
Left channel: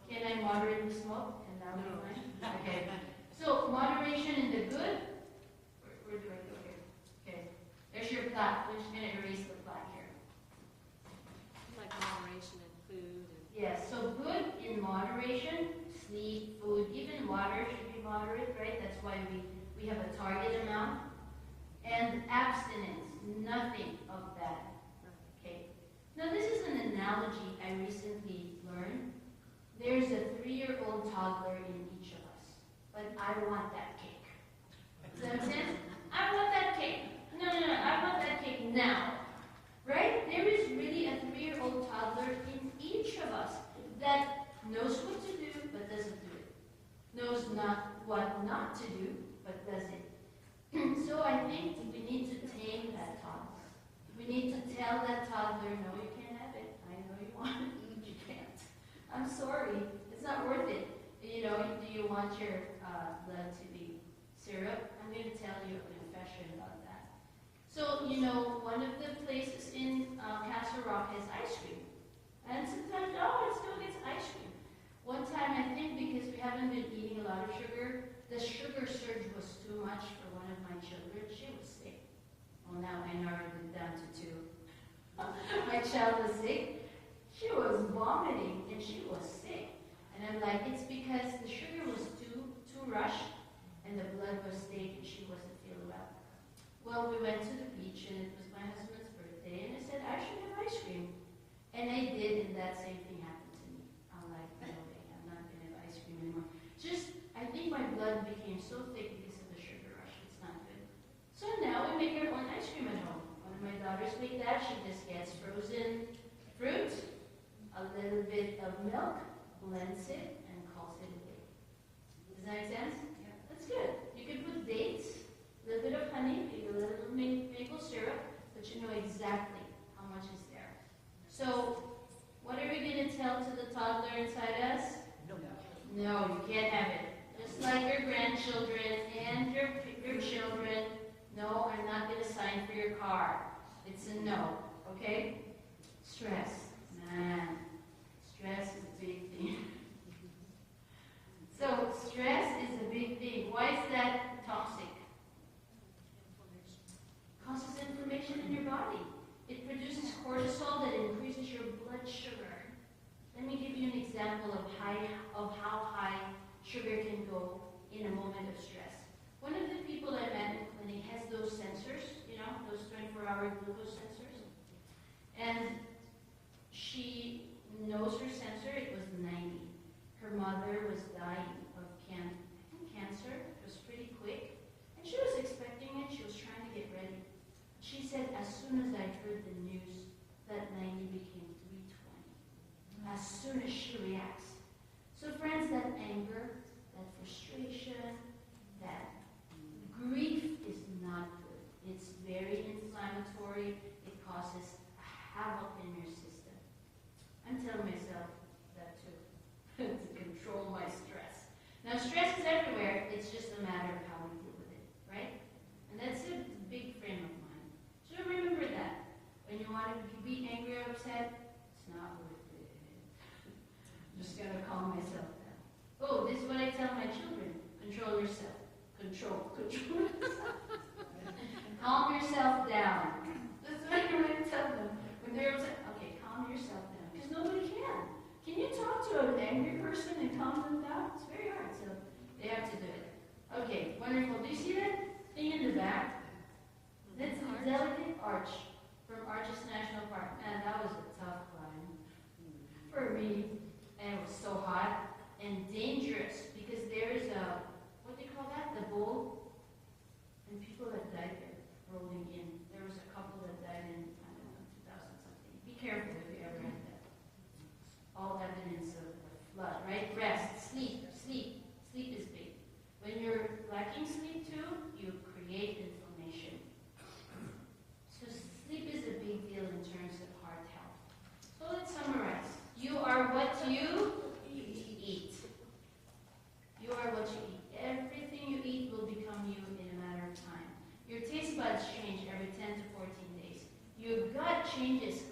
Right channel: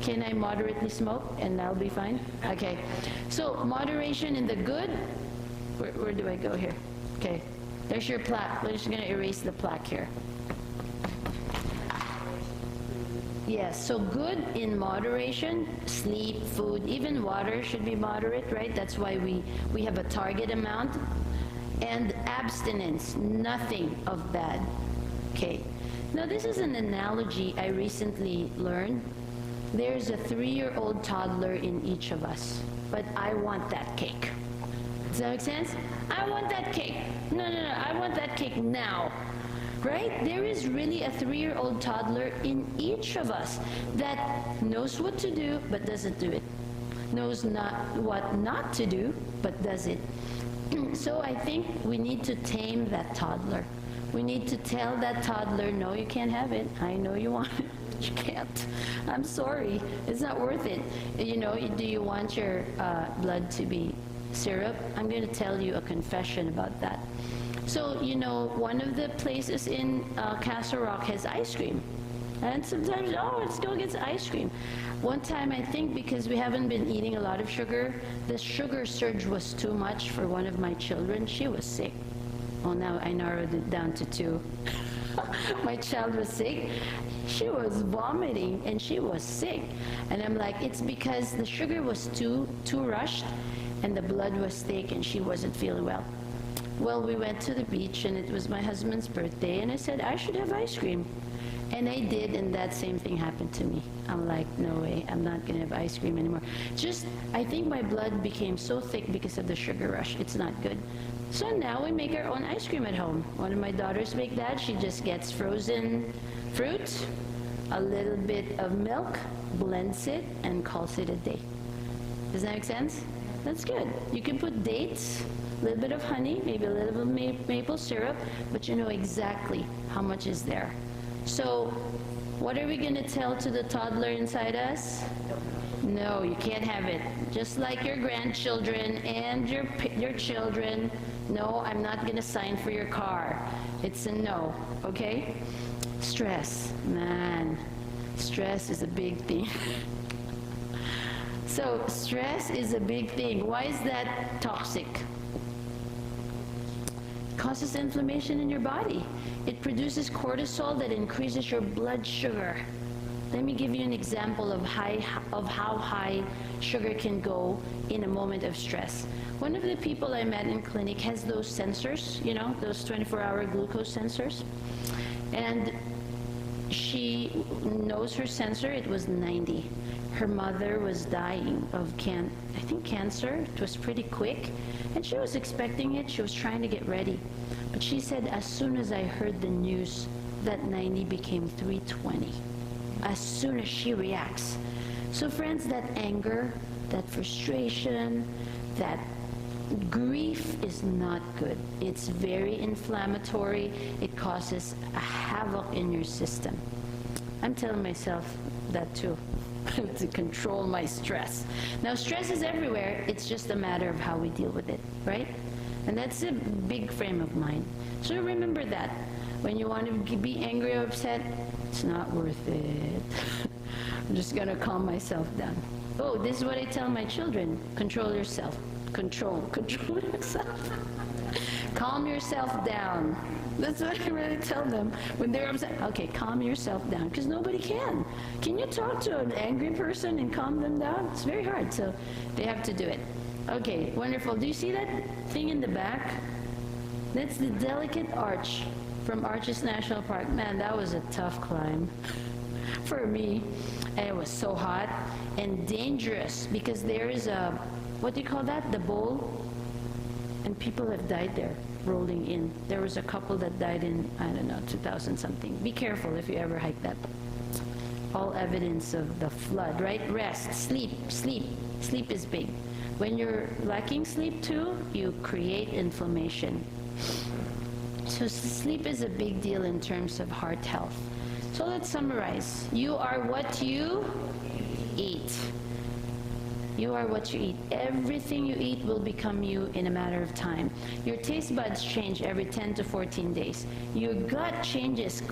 Can I moderately smoke and I'll be fine? Okay. So moderation in the good. Where do I go here? Okay. There's your plaque. We're just going to erase the plaque here. Yes, so good in moderation, sleep, food, even water should be moderate, right? That's why we have a target amount. And abstinence, nothing of bad. Okay. Now this is an analogy I recently learned. There's a 3-year-old toddler in each of us, but I want that cake. Does that make sense? I want that cake. No, I want that cake now. Right? There is really a 3-year-old toddler in each of us that knows what to do but doesn't do it. Knows what not to do but does it. So I think we need to tame that toddler. We need to tell that toddler, no, you can't have it. I know you want it, but you can't. I'm sorry. It's not worth it. You know, do you want your blood to be syrup? I'm going to tell you a confession about that. So, you know, one of the places in Castle Rock has ice cream. And sometimes, oh, let's go get ice cream. One time, I think because we haven't been eating a lot of sugar, the sugar surge was too much for one of my children. She was sick. Well, now I narrowed it down to 2. My child was sick. She was vomiting and she was sick. And I'm like, it's because the sugar was too rushed and the blood was thick and she wasn't feeling well. Well, we went to the beach and it was my husband's birthday and I said, I should have ice cream. And I did, and that same thing happened to me. I'm like, no way, I'm not gonna have ice cream anymore. Just, I think my blood became so thick because of the sugar rush. It's not good. So now we make our own ice cream at home. One of my daughters make that. She just gets frozen fruit, a little bit of milk, blends it, and calls it a day. Does that make sense? That's good. You can put dates, a little bit of honey, maybe a little bit of maple syrup, but you know exactly how much is there. So what are we going to tell to the toddler inside us? No, you can't have it. Just like your grandchildren and your children, no, I'm not going to sign for your car. It's a no, okay? Stress, man, stress is a big thing. So stress is a big thing. Why is that toxic? It causes inflammation in your body. It produces cortisol that increases your blood sugar. Let me give you an example of how high sugar can go in a moment of stress. One of the people I met in clinic has those sensors, you know, those 24-hour glucose sensors. And she knows her sensor, it was 90. Her mother was dying of I think cancer. It was pretty quick. And she was expecting it. She was trying to get ready. But she said, as soon as I heard the news, that 90 became 320. As soon as she reacts. So friends, that anger, that frustration, that grief is not good. It's very inflammatory. It causes a havoc in your system. I'm telling myself that too. To control my stress. Now, stress is everywhere. It's just a matter of how we deal with it, right? And that's a big frame of mind. So remember that. When you want to be angry or upset, it's not worth it. I'm just going to calm myself down. Oh, this is what I tell my children. Control yourself. Control yourself. Calm yourself down. That's what I really tell them when they're upset. Okay, calm yourself down, because nobody can. Can you talk to an angry person and calm them down? It's very hard, so they have to do it. Okay, wonderful. Do you see that thing in the back? That's the delicate arch from Arches National Park. Man, that was a tough climb for me. And it was so hot and dangerous, because there is a, what do you call that? The bowl? And people have died there, rolling in. There was a couple that died in, I don't know, 2000 something. Be careful if you ever hike that. All evidence of the flood, right? Rest, sleep. Sleep is big. When you're lacking sleep too, you create inflammation. So sleep is a big deal in terms of heart health. So let's summarize. You are what you eat. You are what you eat. Everything you eat will become you in a matter of time. Your taste buds change every 10 to 14 days. Your gut changes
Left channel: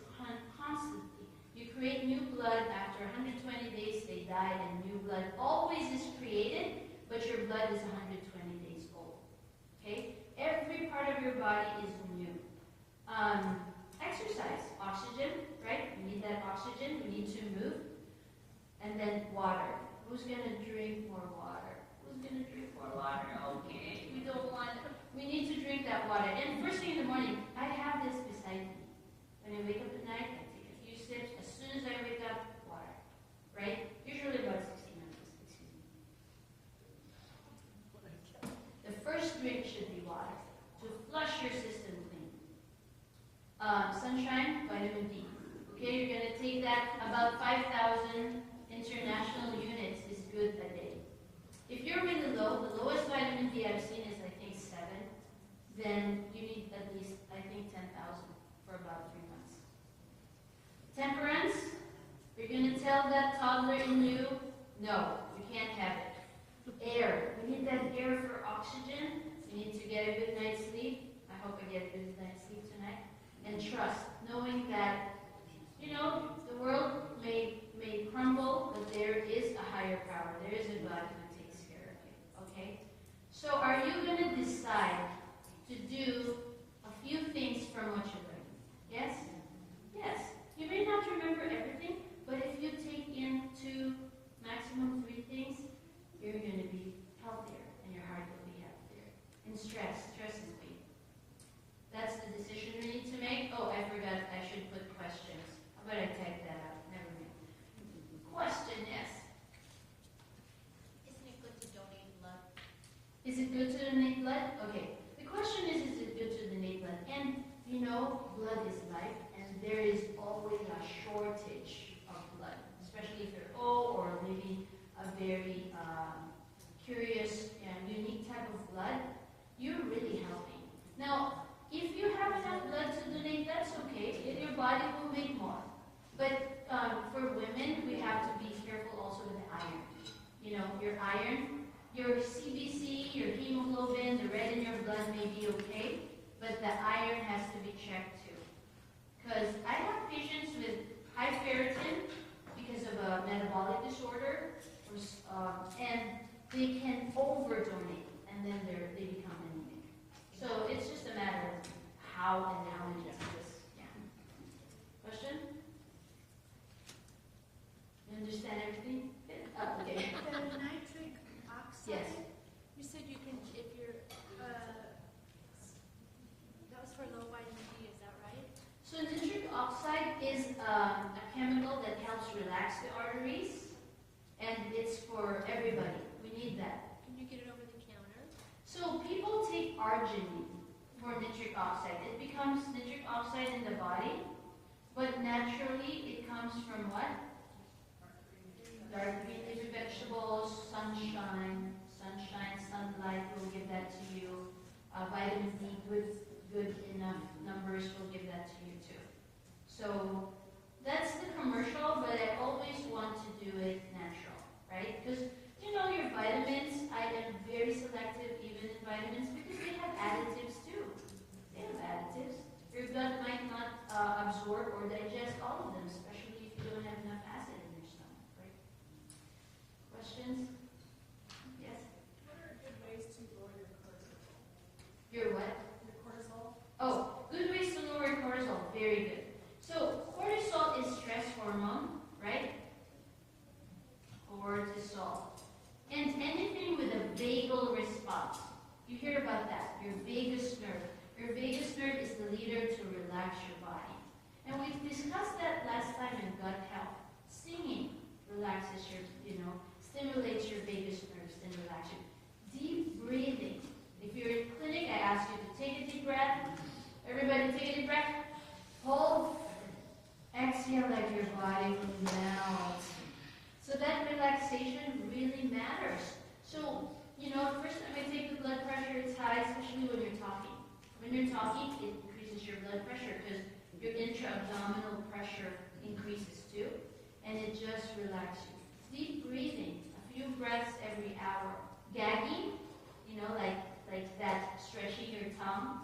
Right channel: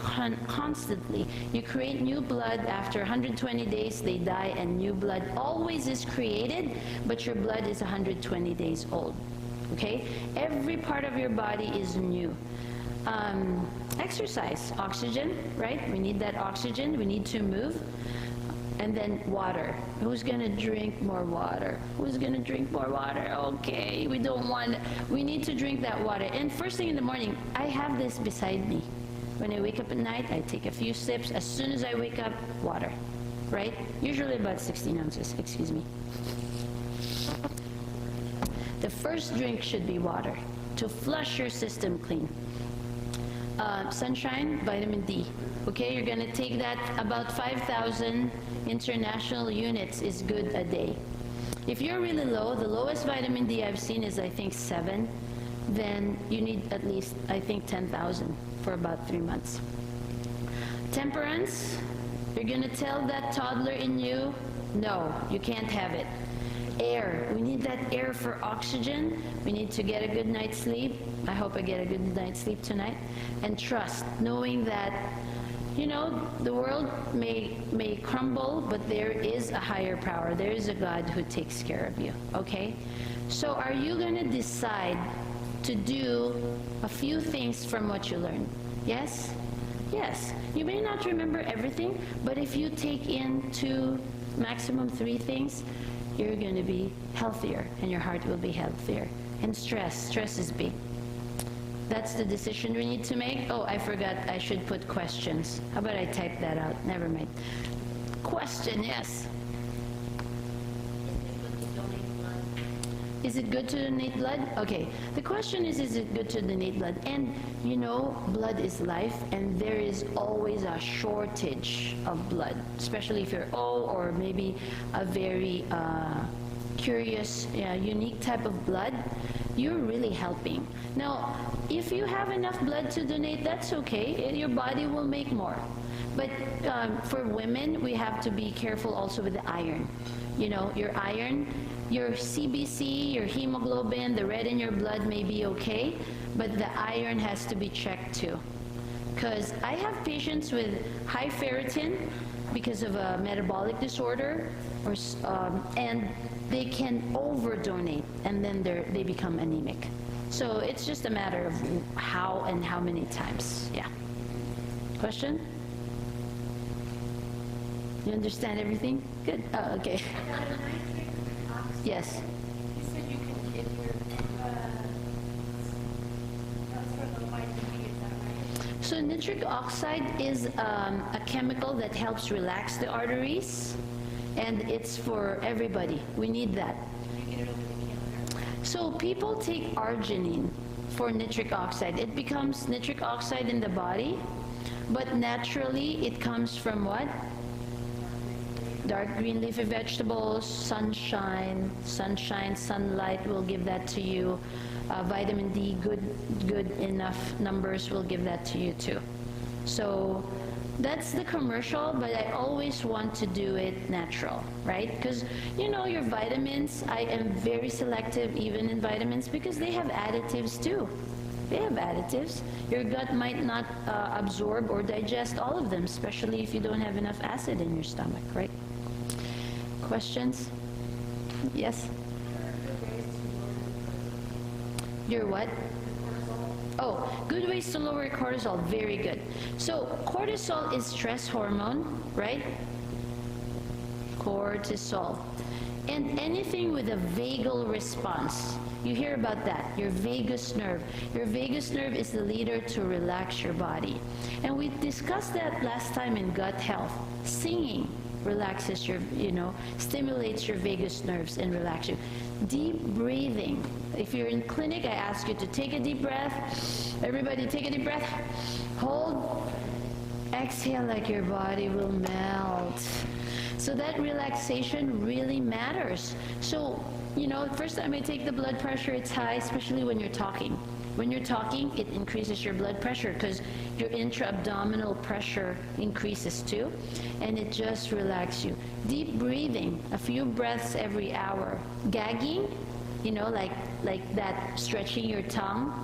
constantly. You create new blood. After 120 days, they die, and new blood always is created, but your blood is 120 days old. Okay? Every part of your body is new. Exercise, oxygen, right? We need that oxygen. We need to move. And then water. Who's going to drink more water? Who's going to drink more water? Okay, we don't want, we need to drink that water. And first thing in the morning, I have this beside me. When I wake up at night, I take a few sips. As soon as I wake up, water, right? Usually about 16 ounces, excuse me. The first drink should be water to flush your system clean. Sunshine, vitamin D. Okay, you're going to take that. About 5,000 international units is good a day. If you're really low, the lowest vitamin D I've seen is I think 7, then you need at least I think 10,000 for about 3 months. Temperance, you're going to tell that toddler in you, no, you can't have it. Air, we need that air for oxygen. We need to get a good night's sleep. I hope I get a good night's sleep tonight. And trust, knowing that, you know, the world may crumble, but there is a higher power. There is a God who takes care of you, okay? So are you going to decide to do a few things from what you learned? Yes? Yes. You may not remember everything, but if you take in 2, maximum 3 things, you're going to be healthier, and your heart will be healthier. And stress is big. That's the decision we need to make. Oh, I forgot I should put questions. How about I type that out? Never mind. Question, yes. Is it good to donate blood? Okay. The question is it good to donate blood? And you know, blood is life, and there is always a shortage of blood, especially if you're old or maybe a very curious, unique type of blood. You're really helping. Now, if you have enough blood to donate, that's okay. Your body will make more. But for women, we have to be careful also with the iron. You know, your iron, your CBC, your hemoglobin, the red in your blood may be okay, but the iron has to be checked too. Because I have patients with high ferritin because of a metabolic disorder, and they can over-donate, and then they become anemic. So it's just a matter of how and how many times. Yeah. Question? You understand everything? Good. Oh, okay. Yes. You said you can give your, that's for the vitamin D, is that right? So nitric oxide is a chemical that helps relax the arteries, and it's for everybody. We need that. Can you get it over the counter? So people take arginine for nitric oxide. It becomes nitric oxide in the body, but naturally it comes from what? Dark green leafy vegetables, sunshine, sunlight will give that to you. Vitamin D, good enough numbers will give that to you too. So that's the commercial, but I always want to do it natural, right? Because you know your vitamins, I am very selective even in vitamins because they have additives too. They have additives. Your gut might not absorb or digest all of them, especially if you don't have enough acid in your stomach, right? Questions? Yes? Your what? Oh, good ways to lower cortisol. Very good. So cortisol is stress hormone, right? Cortisol. And anything with a vagal response. You hear about that, your vagus nerve. Your vagus nerve is the leader to relax your body. And we discussed that last time in gut health. Singing relaxes your, stimulates your vagus nerves and relax you. Deep breathing. If you're in clinic, I ask you to take a deep breath. Everybody take a deep breath. Hold. Exhale like your body will melt. So that relaxation really matters. So, first time you take the blood pressure, it's high, especially when you're talking. When you're talking, it increases your blood pressure because your intra-abdominal pressure increases too, and it just relaxes you. Deep breathing, a few breaths every hour. Gagging, like that, stretching your tongue.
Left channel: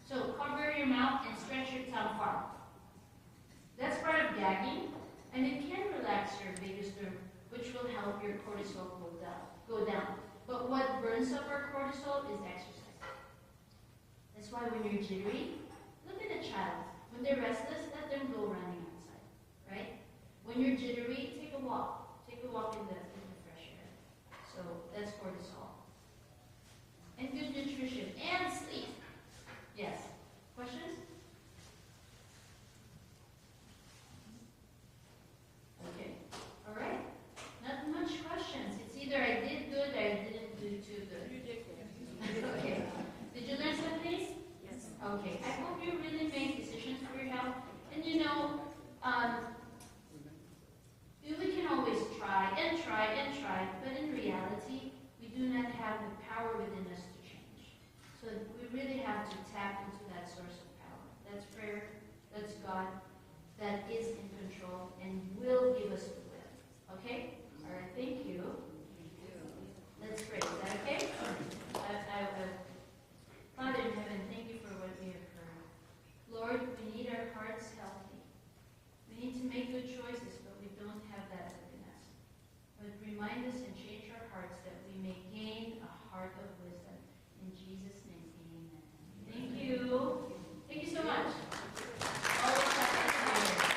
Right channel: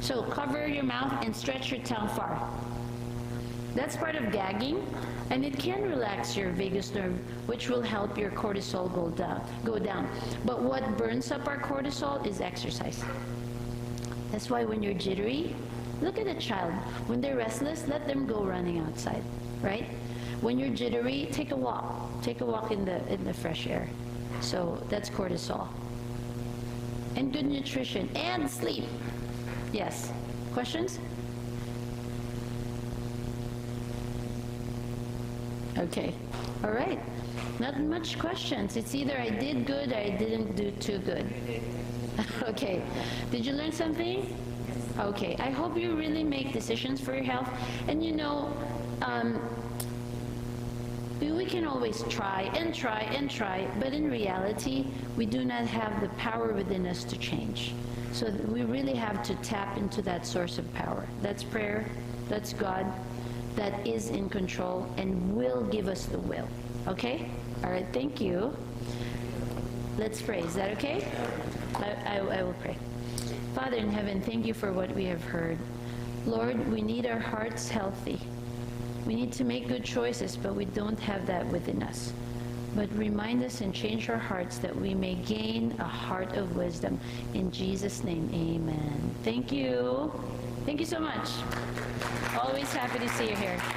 So cover your mouth and stretch your tongue far. That's part of gagging, and it can relax your vagus nerve, which will help your cortisol go down. But what burns up our cortisol is exercise. That's why when you're jittery, look at a child. When they're restless, let them go running outside, right? When you're jittery, take a walk. Take a walk in the fresh air. So that's cortisol. And good nutrition and sleep. Yes. Questions? Okay. All right. Not much questions. It's either I did good or I didn't do too good. Okay. Did you learn something? Okay. I hope you really make decisions for your health. And we can always try and try and try, but in reality, we do not have the power within us to change. So we really have to tap into that source of power. That's prayer. That's God. That is in control and will give us the will. Okay? All right. Thank you. Let's pray. Is that okay? I will pray. Father in heaven, thank you for what we have heard. Lord, we need our hearts healthy. We need to make good choices, but we don't have that within us. But remind us and change our hearts that we may gain a heart of wisdom. In Jesus' name, amen. Thank you. Thank you so much. Always happy to see you here.